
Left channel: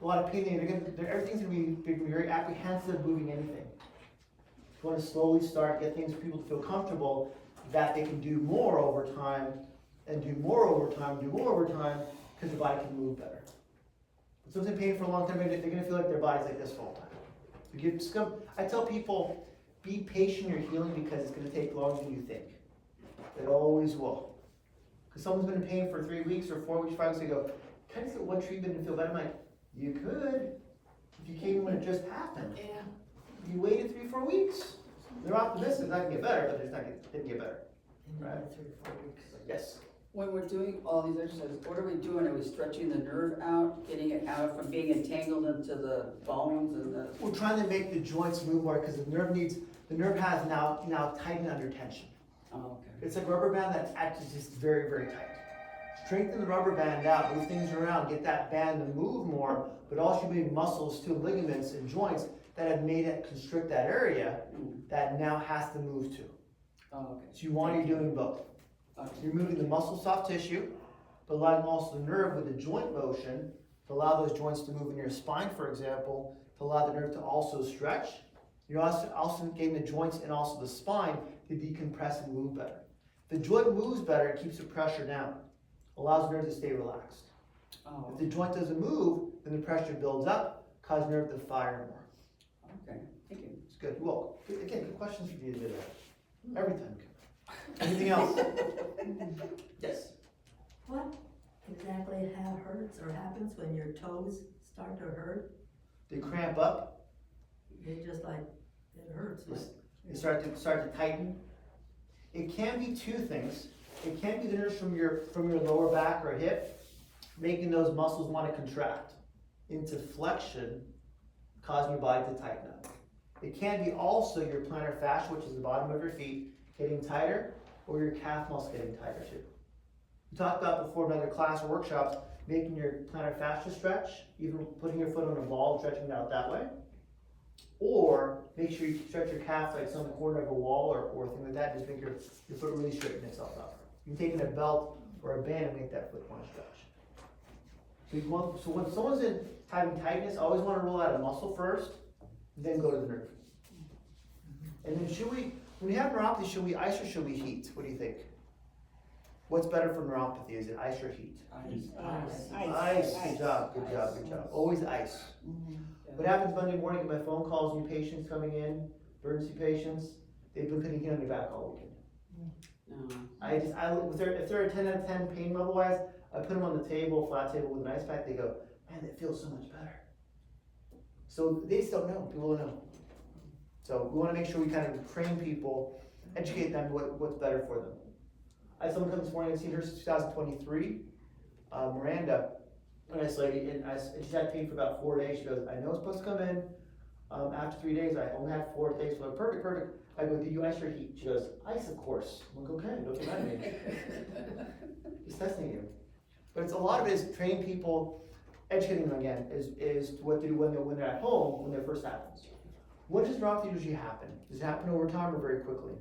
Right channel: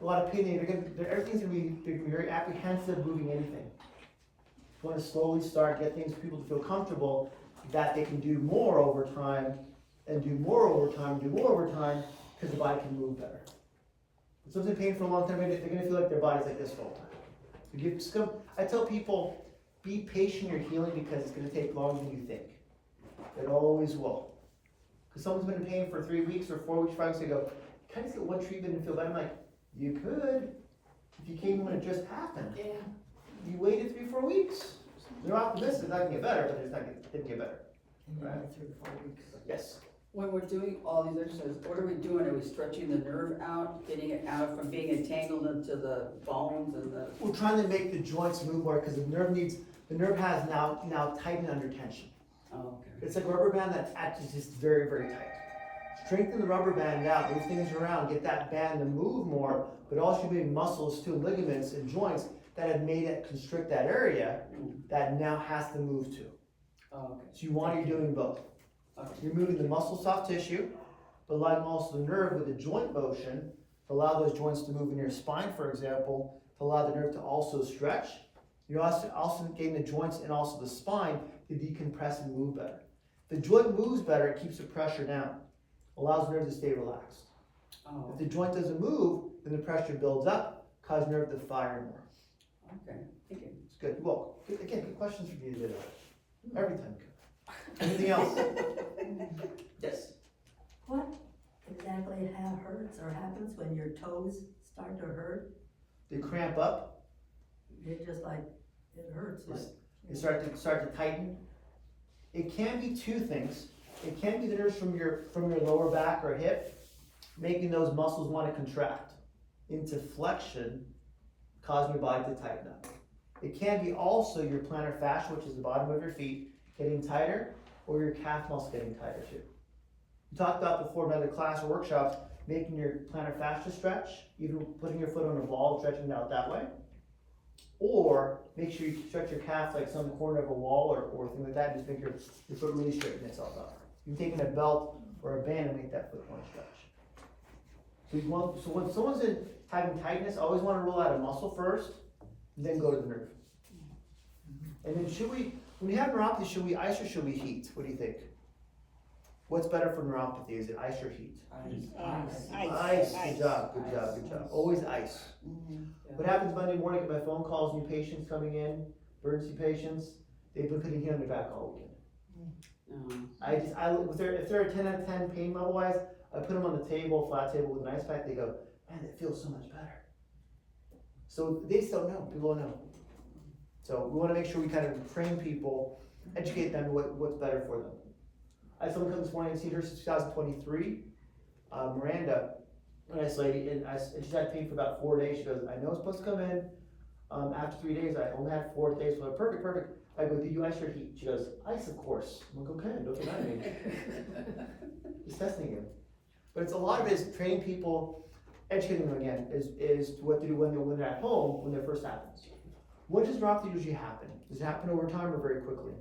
a lot of pain, everything's they're gonna be very apprehensive moving anything. You want to slowly start, get things for people to feel comfortable that they can do more over time and do more over time, because the body can move better. If someone's in pain for a long time, they're gonna feel like their body's like this all the time. So I tell people, be patient in your healing because it's gonna take longer than you think. It always will. Because someone's been in pain for 3 weeks or 4 weeks, 5 weeks, they go, can I just get one treatment and feel better? I'm like, you could, if you came when it just happened. Yeah. You waited 3-4 weeks. They're optimistic it's not gonna get better, but it's not gonna get better. Right. Yes. When we're doing all these exercises, what are we doing? Are we stretching the nerve out, getting it out from being entangled into the bones and the? We're trying to make the joints move more because the nerve has now tightened under tension. Oh, okay. It's like a rubber band that's actually just very, very tight. Strengthen the rubber band out, move things around, get that band to move more, but also be muscles too, ligaments and joints that have made it constrict that area that now has to move to. Oh, okay. So you're doing both. You're moving the muscle soft tissue, but allowing also the nerve with the joint motion to allow those joints to move in your spine, for example, to allow the nerve to also stretch. You're also getting the joints and also the spine to decompress and move better. The joint moves better, it keeps the pressure down, allows the nerve to stay relaxed. Oh, If the joint doesn't move, then the pressure builds up, causes the nerve to fire more. okay, thank you. It's good. You're welcome. Again, good questions for you today. Every time. Anything else? Yes. What exactly hurts or happens when your toes start to hurt? They cramp up. It just like, it hurts. Yes. They start to tighten. It can be two things. It can be the nerves from your lower back or hip, making those muscles want to contract into flexion, causing your body to tighten up. It can be also your plantar fascia, which is the bottom of your feet, getting tighter, or your calf muscle getting tighter too. We talked about before in other class or workshops, making your plantar fascia stretch, even putting your foot on a ball, stretching it out that way. Or make sure you stretch your calf like some corner of a wall or thing like that, just make your foot really straighten itself out. You can take in a belt or a band and make that foot want to stretch. So when someone's having tightness, always want to roll out a muscle first, and then go to the nerve. And then when you have neuropathy, should we ice or should we heat? What do you think? What's better for neuropathy? Is it ice or heat? Ice. Good job. Always ice. What happens Monday morning? I get my phone calls, new patients coming in, emergency patients. They've been putting heat on their back all weekend. If they're a 10 out of 10 pain level wise, I put them on the table, flat table with an ice pack. They go, man, it feels so much better. So they just don't know. People don't know. So we want to make sure we kind of train people, educate them what's better for them. I had someone come this morning and seen her since 2023, Miranda, a nice lady, and she's had pain for about 4 days. She goes, I know it's supposed to come in after 3 days. I only had 4 days, so perfect. I go, did you ice or heat? She goes, ice, of course. I'm like, okay, don't get mad at me. He's testing you. But it's a lot of it is training people, educating them again, is what to do when they're at home when it first happens. When does neuropathy usually happen? Does it happen over time or very quickly?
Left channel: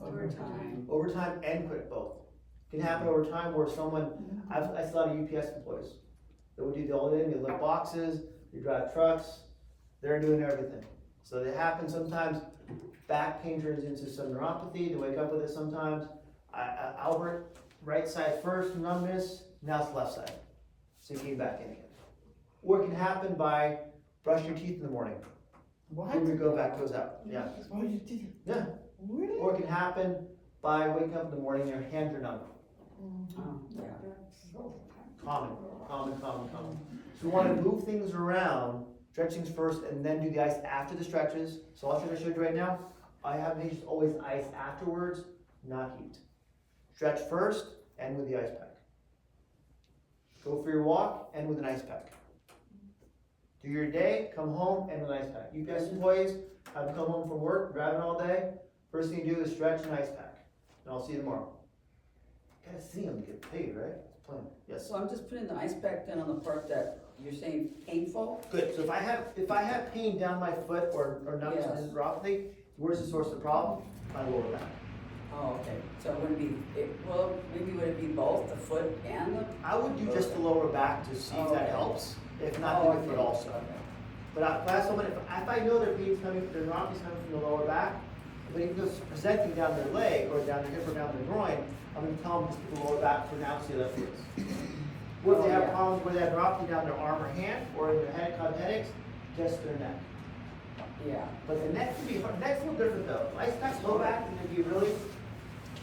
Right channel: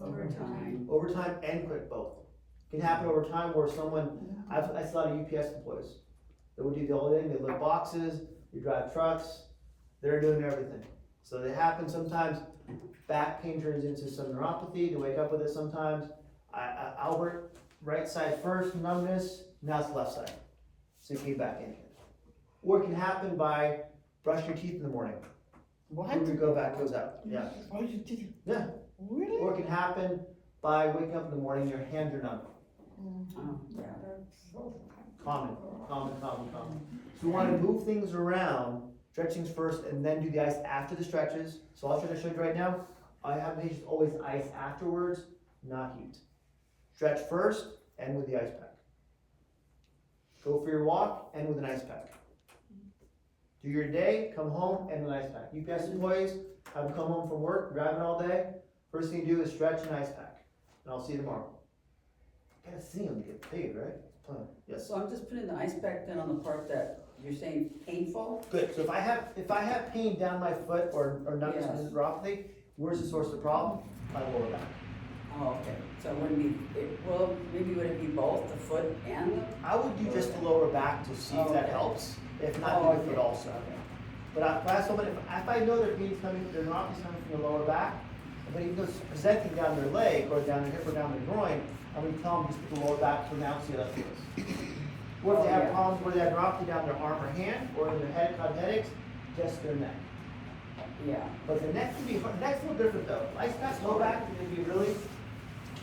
Over time. Over time and quick, both. Can happen over time where someone, I saw a lot of UPS employees. They would do the whole thing, they lift boxes, they drive trucks, they're doing everything. So they happen sometimes, back pain turns into some neuropathy, they wake up with it sometimes. Albert, right side first, numbness, now it's left side. So you came back in again. Or it can happen by brushing your teeth in the morning. What? When we go back, goes out, yeah. Oh, you did? Yeah. Really? Or it can happen by waking up in the morning, your hands are numb. Oh, yeah. Common. So we want to move things around, stretchings first, and then do the ice after the stretches. So I'll try to show you right now. I have patients always ice afterwards, not heat. Stretch first, and with the ice pack. Go for your walk, and with an ice pack. Do your day, come home, and with an ice pack. UPS employees, have them come home from work, driving all day. First thing you do is stretch and ice pack. And I'll see you tomorrow. Gotta see them get paid, right? It's plan. Yes. So I'm just putting the ice pack then on the part that you're saying painful? Good. So if I have pain down my foot or numbness Yes. and neuropathy, where's the source of the problem? My lower back. Oh, okay. So it wouldn't be, well, maybe would it be both, the foot and the? I would do just the lower back to see if that Okay. helps. If not, Oh, do the foot okay. also. But if I have someone, if I know their pain's coming, their neuropathy's coming from the lower back, but if it's presenting down their leg or down their hip or down their groin, I'm gonna tell them just put the lower back for now, see how that feels. Or if they have problems where they have neuropathy down their arm or hand, or in their head, cause headaches, just their neck. Yeah. But the neck can be, neck's a little different though. Ice pack, low back, is gonna be really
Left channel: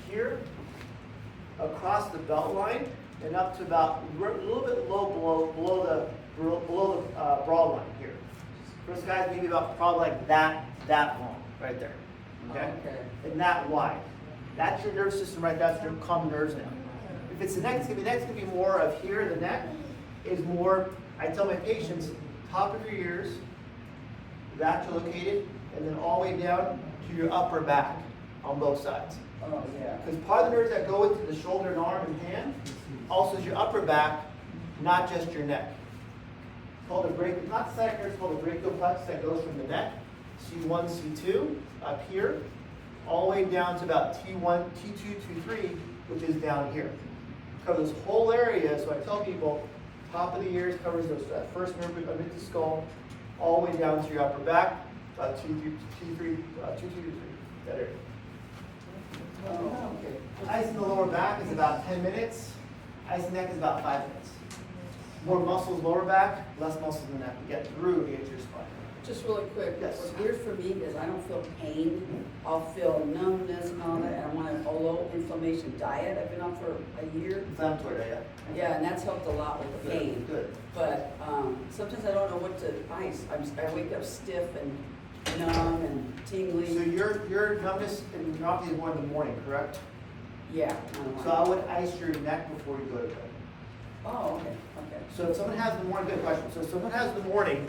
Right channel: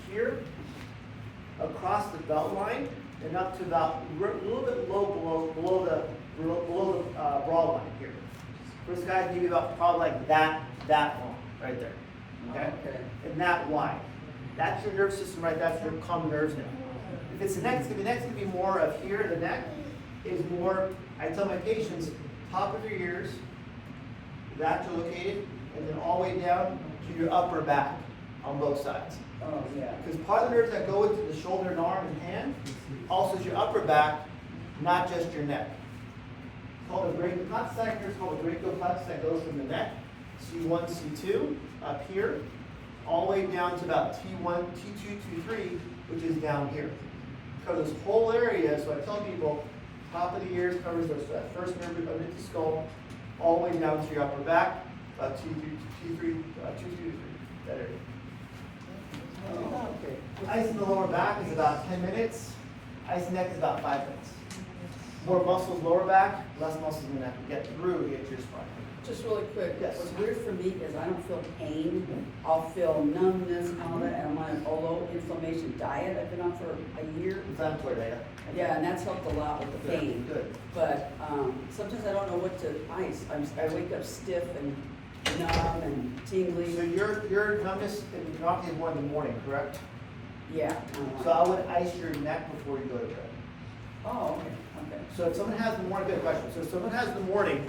here, across the belt line, and up to about, a little bit low below the broad line here. First guy's maybe about probably like that long, right there, okay? Okay. And that wide. That's your nerve system, right? That's your common nerves now. If it's the neck's gonna be more of here, the neck is more, I tell my patients, top of your ears, that's located, and then all the way down to your upper back on both sides. Oh, yeah. Because part of the nerves that go into the shoulder and arm and hand also is your upper back, not just your neck. It's called a brachial, not second, it's called a brachial plexus that goes from the neck, C1, C2, up here, all the way down to about T1, T2, T3, which is down here. Covers this whole area, so I tell people, top of the ears covers that first nerve underneath the skull, all the way down to your upper back, about T3, T3, that area. Oh, okay. Ice in the lower back is about 10 minutes. Ice in the neck is about 5 minutes. More muscles lower back, less muscles in the neck to get through to get to your spine. Just really quick, Yes. what's weird for me is I don't feel pain, I'll feel numbness and all that, and I'm on a low inflammation diet, I've been on for a year. Inflammatory diet. Yeah, and that's helped a lot with the pain. Good. But, sometimes I don't know what to ice, I wake up stiff and numb and So tingling. your numbness and neuropathy is more in the morning, correct? Yeah. So I would ice your neck before you go to bed. Oh, okay, okay. So if someone has the morning, good question. So if someone has the morning,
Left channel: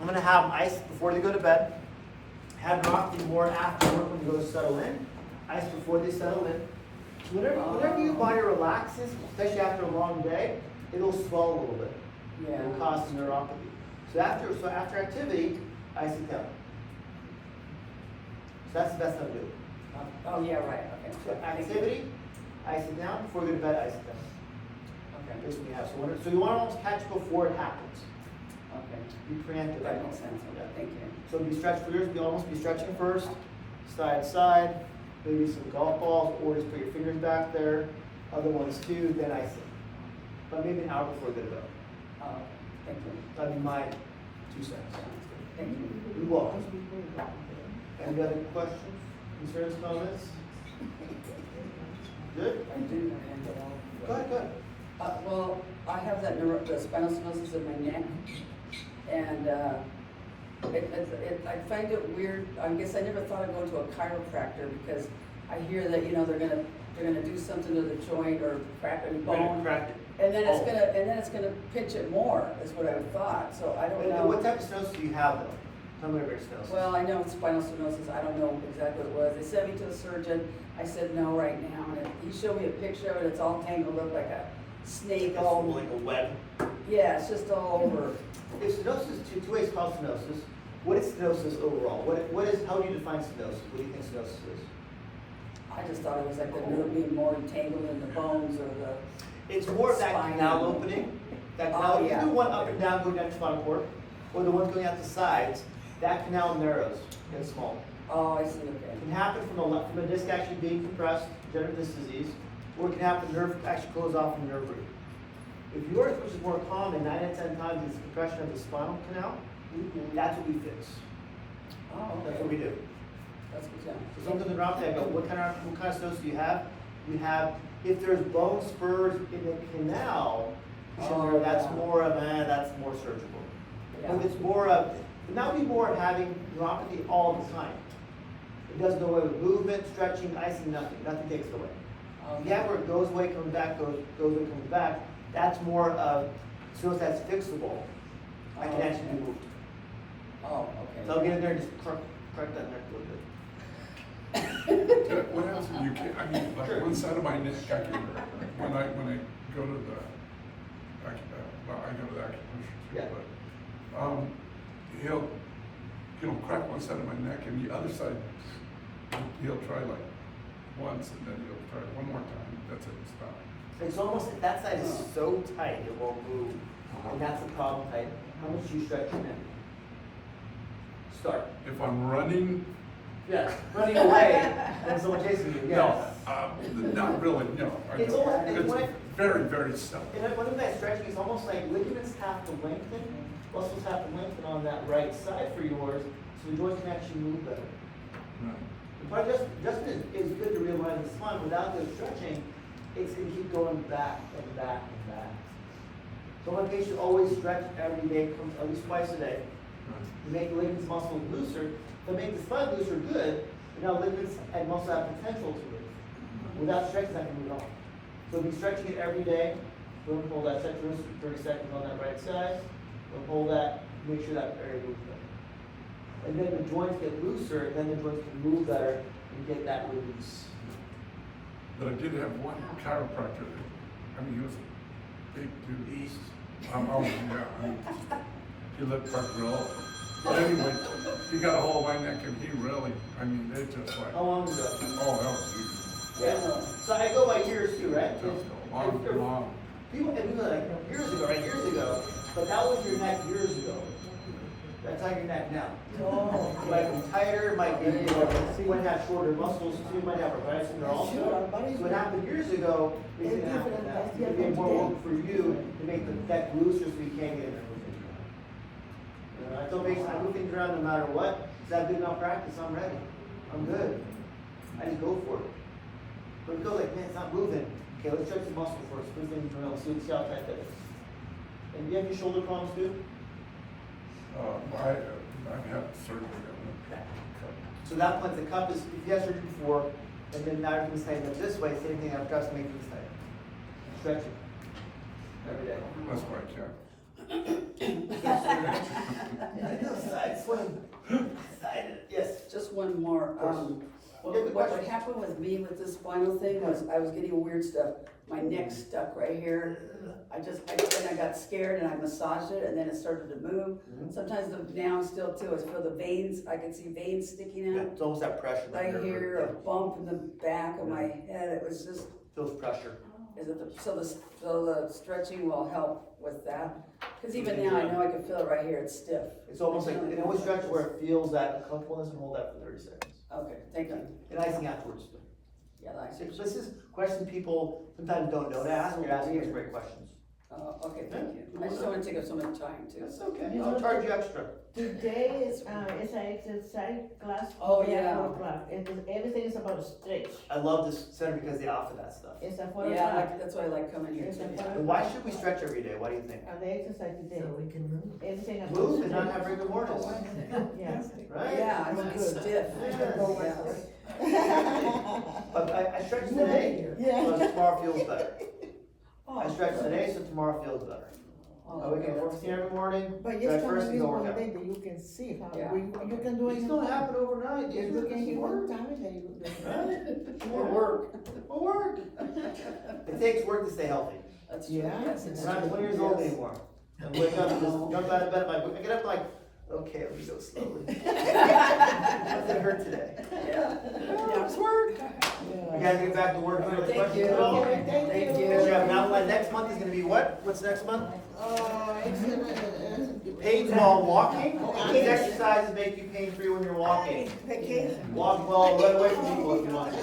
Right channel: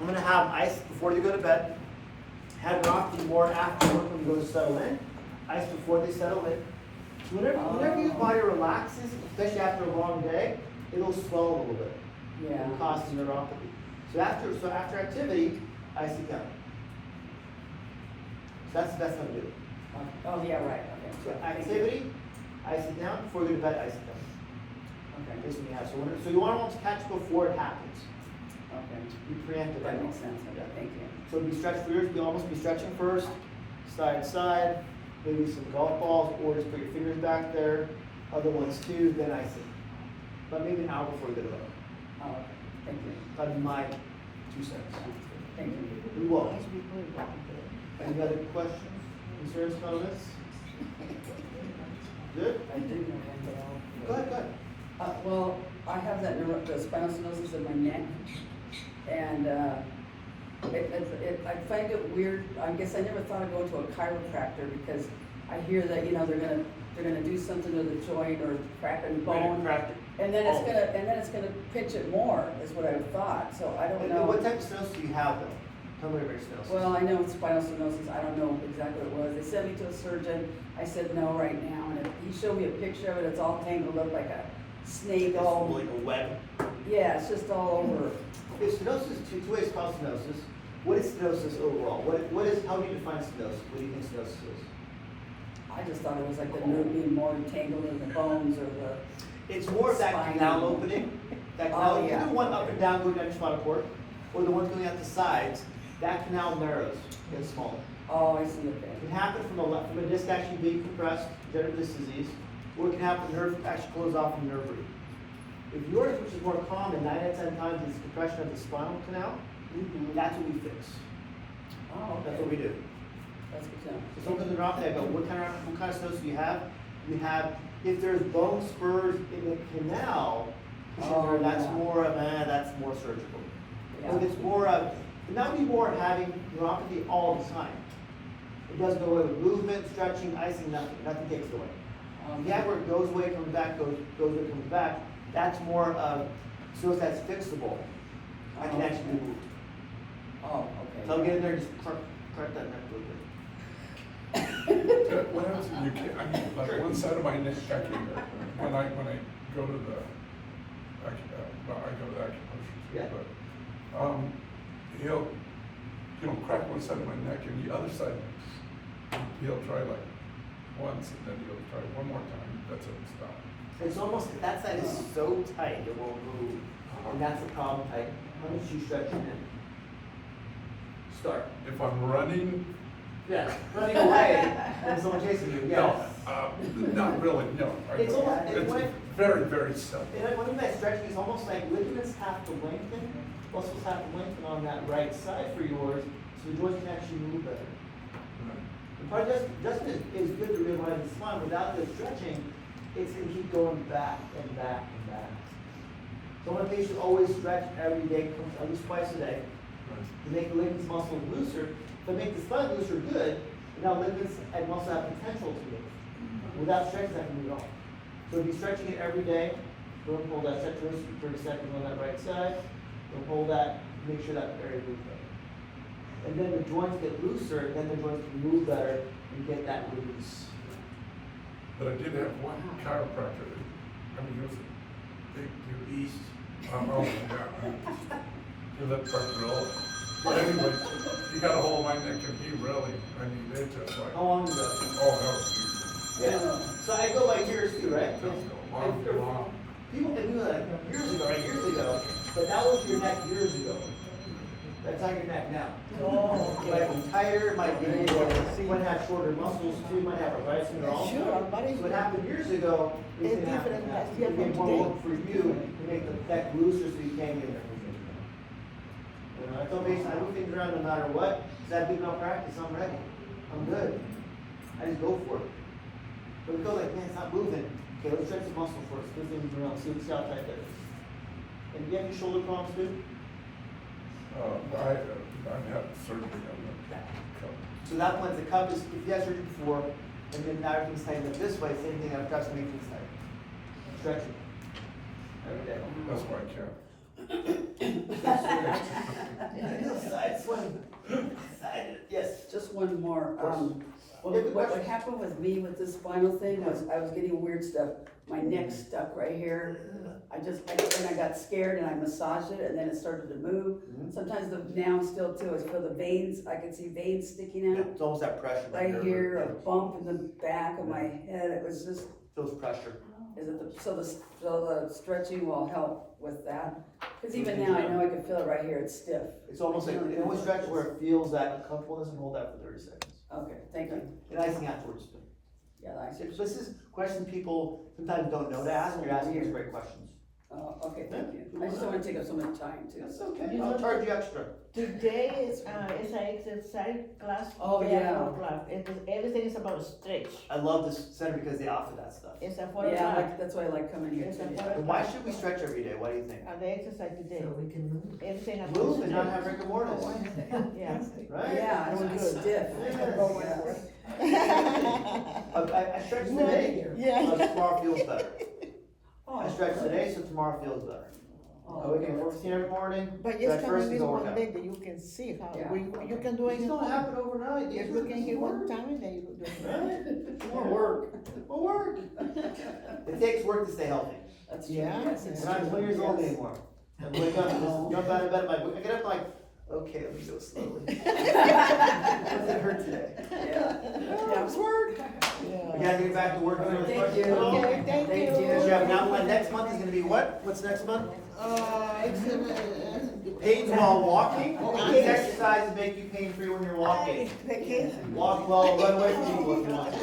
I'm gonna have them ice before they go to bed. Have neuropathy more after work when you go to settle in. Ice before they settle in. So whenever your body relaxes, especially after a long day, it'll swell a little bit. Yeah. And cause the neuropathy. So after activity, ice it down. So that's the best time to do it. Oh, yeah, right, okay. So activity, ice it down. Before you go to bed, ice it down. Okay, Basically, you have. So you want to almost catch before it happens. okay. Be preemptive. That makes sense, Yeah. okay, thank you. So be stretched for yours, be almost be stretching first, side to side, maybe some golf balls, or just put your fingers back there, other ones too, then ice it. But maybe an hour before you go to bed. Oh, okay, thank you. That'd be my 2 cents. Thank you. You're welcome. Any other questions, concerns, comments? Good? Go ahead. Well, I have that the spinal stenosis in my neck, and, I find it weird, I guess I never thought I'd go to a chiropractor, because I hear that, they're gonna do something to the joint or crack a bone. Correct. And then it's gonna pinch it more, is what I thought, so I don't know. What type of stenosis do you have though? Tell me about your stenosis. Well, I know it's spinal stenosis, I don't know exactly what it was. They sent me to a surgeon, I said no right now, and he showed me a picture of it, it's all tangled up like a snake, It's all, like a web. yeah, it's just all over. Okay, stenosis, two ways called stenosis. What is stenosis overall? What is, how do you define stenosis? What do you think stenosis is? I just thought it was like the nerve being more entangled in the bones or the. It's more of that Spine. canal opening, that canal, Oh, yeah. either one up and down going down your spinal cord, or the one going out the sides, that canal narrows, gets smaller. Oh, I see, It okay. can happen from a disc actually being compressed, degenerative disc disease, or it can happen the nerve actually close off from nerve root. If yours, which is more common, 9 out of 10 times, is compression of the spinal canal, that's what we fix. Oh, That's okay. what we do. That's good to know. So someone comes in neuropathy, I go, what kind of stenosis do you have? You have, if there's bone spurs in the canal, Oh, that's yeah. more of, that's more surgical. But it's more of, and that would be more having neuropathy all the time. It doesn't go away with movement, stretching, icing, nothing takes it away. If you have where it goes away, comes back, goes away, comes back, that's more of, so that's fixable. I can actually be moved. Oh, okay. So I'll get in there and just crack that neck a little bit. What happens if you can't, I mean, like Sure. one side of my neck, I can, when I go to the, well, I go to the acupressure, Yeah. but, he'll crack one side of my neck and the other side, he'll try like once and then he'll try one more time, that's it, stop. It's almost, that side is so tight, it won't move, and that's the problem tight. How much do you stretch your neck? Start. If I'm running, Yeah, running away, when someone chases you, no, yes. not really, no. I It's don't. almost- It's when I- very, very seldom. And one of that stretching is almost like ligaments have to lengthen, muscles have to lengthen on that right side for yours, so the joints can actually move better. The part just is good to realize the spine, without the stretching, it's gonna keep going back and back and back. So my patients always stretch every day, at least twice a day, to make the ligaments muscles looser, to make the spine looser good, and now ligaments and muscles have potential to move. Without stretching, that can move off. So if you're stretching it every day, don't pull that, stretch wrist for 30 seconds on that right side, don't pull that, make sure that area moves better. And then the joints get looser, and then the joints can move better and get that release. But I did have one chiropractor, I mean, he was a big dude. East. Oh, yeah, I mean, he looked like real. But anyway, he got a hold of my neck and he really, I mean, they just like, How long ago? oh, that was easy. Yeah. So I go by years too, right? Long. People, and we go like years ago, right? Years ago, but that was your neck years ago. That's not your neck now. It might be tighter, it might be more, you might have shorter muscles too, you might have arthritis in your arms. So what happened years ago is gonna happen now. It's gonna be more work for you to make the neck looser so you can't get in there. You know, I told patients, I move things around no matter what, because I have good enough practice, I'm ready. I'm good. I just go for it. But it goes like, man, it's not moving. Okay, let's stretch the muscle first. Let's move around, see how tight that is. And do you have your shoulder problems too? I've had surgery on the cup. So that point, the cup is, if you had surgery before, and then now everything's tight up this way, same thing, I've got to make things tight. Stretch it. Every day. That's why I can't. Side swing. Side, yes. Just one more, course. well, Yeah, good what question. happened with me with the spinal thing was I was getting weird stuff. My neck stuck right here. Then I got scared and I massaged it and then it started to move. Mhm. Sometimes now still too, I feel the veins, I can see veins sticking Yeah, out. it's almost that pressure. That Right nerve here, a root. bump in the back of my head, it was just, Feels pressure. so the stretching will help with that? Cause even now, I know I can feel it right here, it's stiff. It's almost like, it always stretches where it feels that uncomfortableness and hold that for 30 seconds. Okay, thank you. And icing afterwards. Yeah, I see. This is questions people sometimes don't know to ask, you're asking us great questions. Okay, thank you. I just don't wanna take up so much time too. That's okay, I'll charge you extra. Today is an exercise class. Oh, today at yeah. 4 o'clock. Everything is about stretch. I love this center because they offer that stuff. It's at 4 Yeah, o'clock. that's why I like coming here too. And why should we stretch every day? Why do you think? And the exercise today. So we can move. Everything. about Move and not stretch. have rigor mortis, Yeah. right? Yeah, I was stiff. Yes. But I stretched today, so tomorrow feels better. I stretched today, so tomorrow feels better. I wake up at 4:15 every morning, But stretch just first can and do go this work one out. day that you can see how, Yeah. you can do it. These don't happen overnight, these If are you can get work. one time, then you do it. Right? More work. More work. It takes work to stay healthy. That's true. Yeah. Yes, it's We're not true. 20 years old Yes. anymore. I wake up and just jump out of bed, I get up like Okay, let me go slowly. What did it hurt today? Oh, it's work. You gotta get back to work. Any other questions at all? Okay, thank Thank you. you. You have an outline. Next month is gonna be what? What's next month? It's Pain while walking. These exercises make you pain free when you're walking. Vacation. Walk well, run away from people if you want to.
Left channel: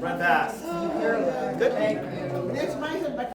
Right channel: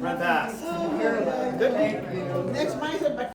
Run fast. Good. Thank you. Next month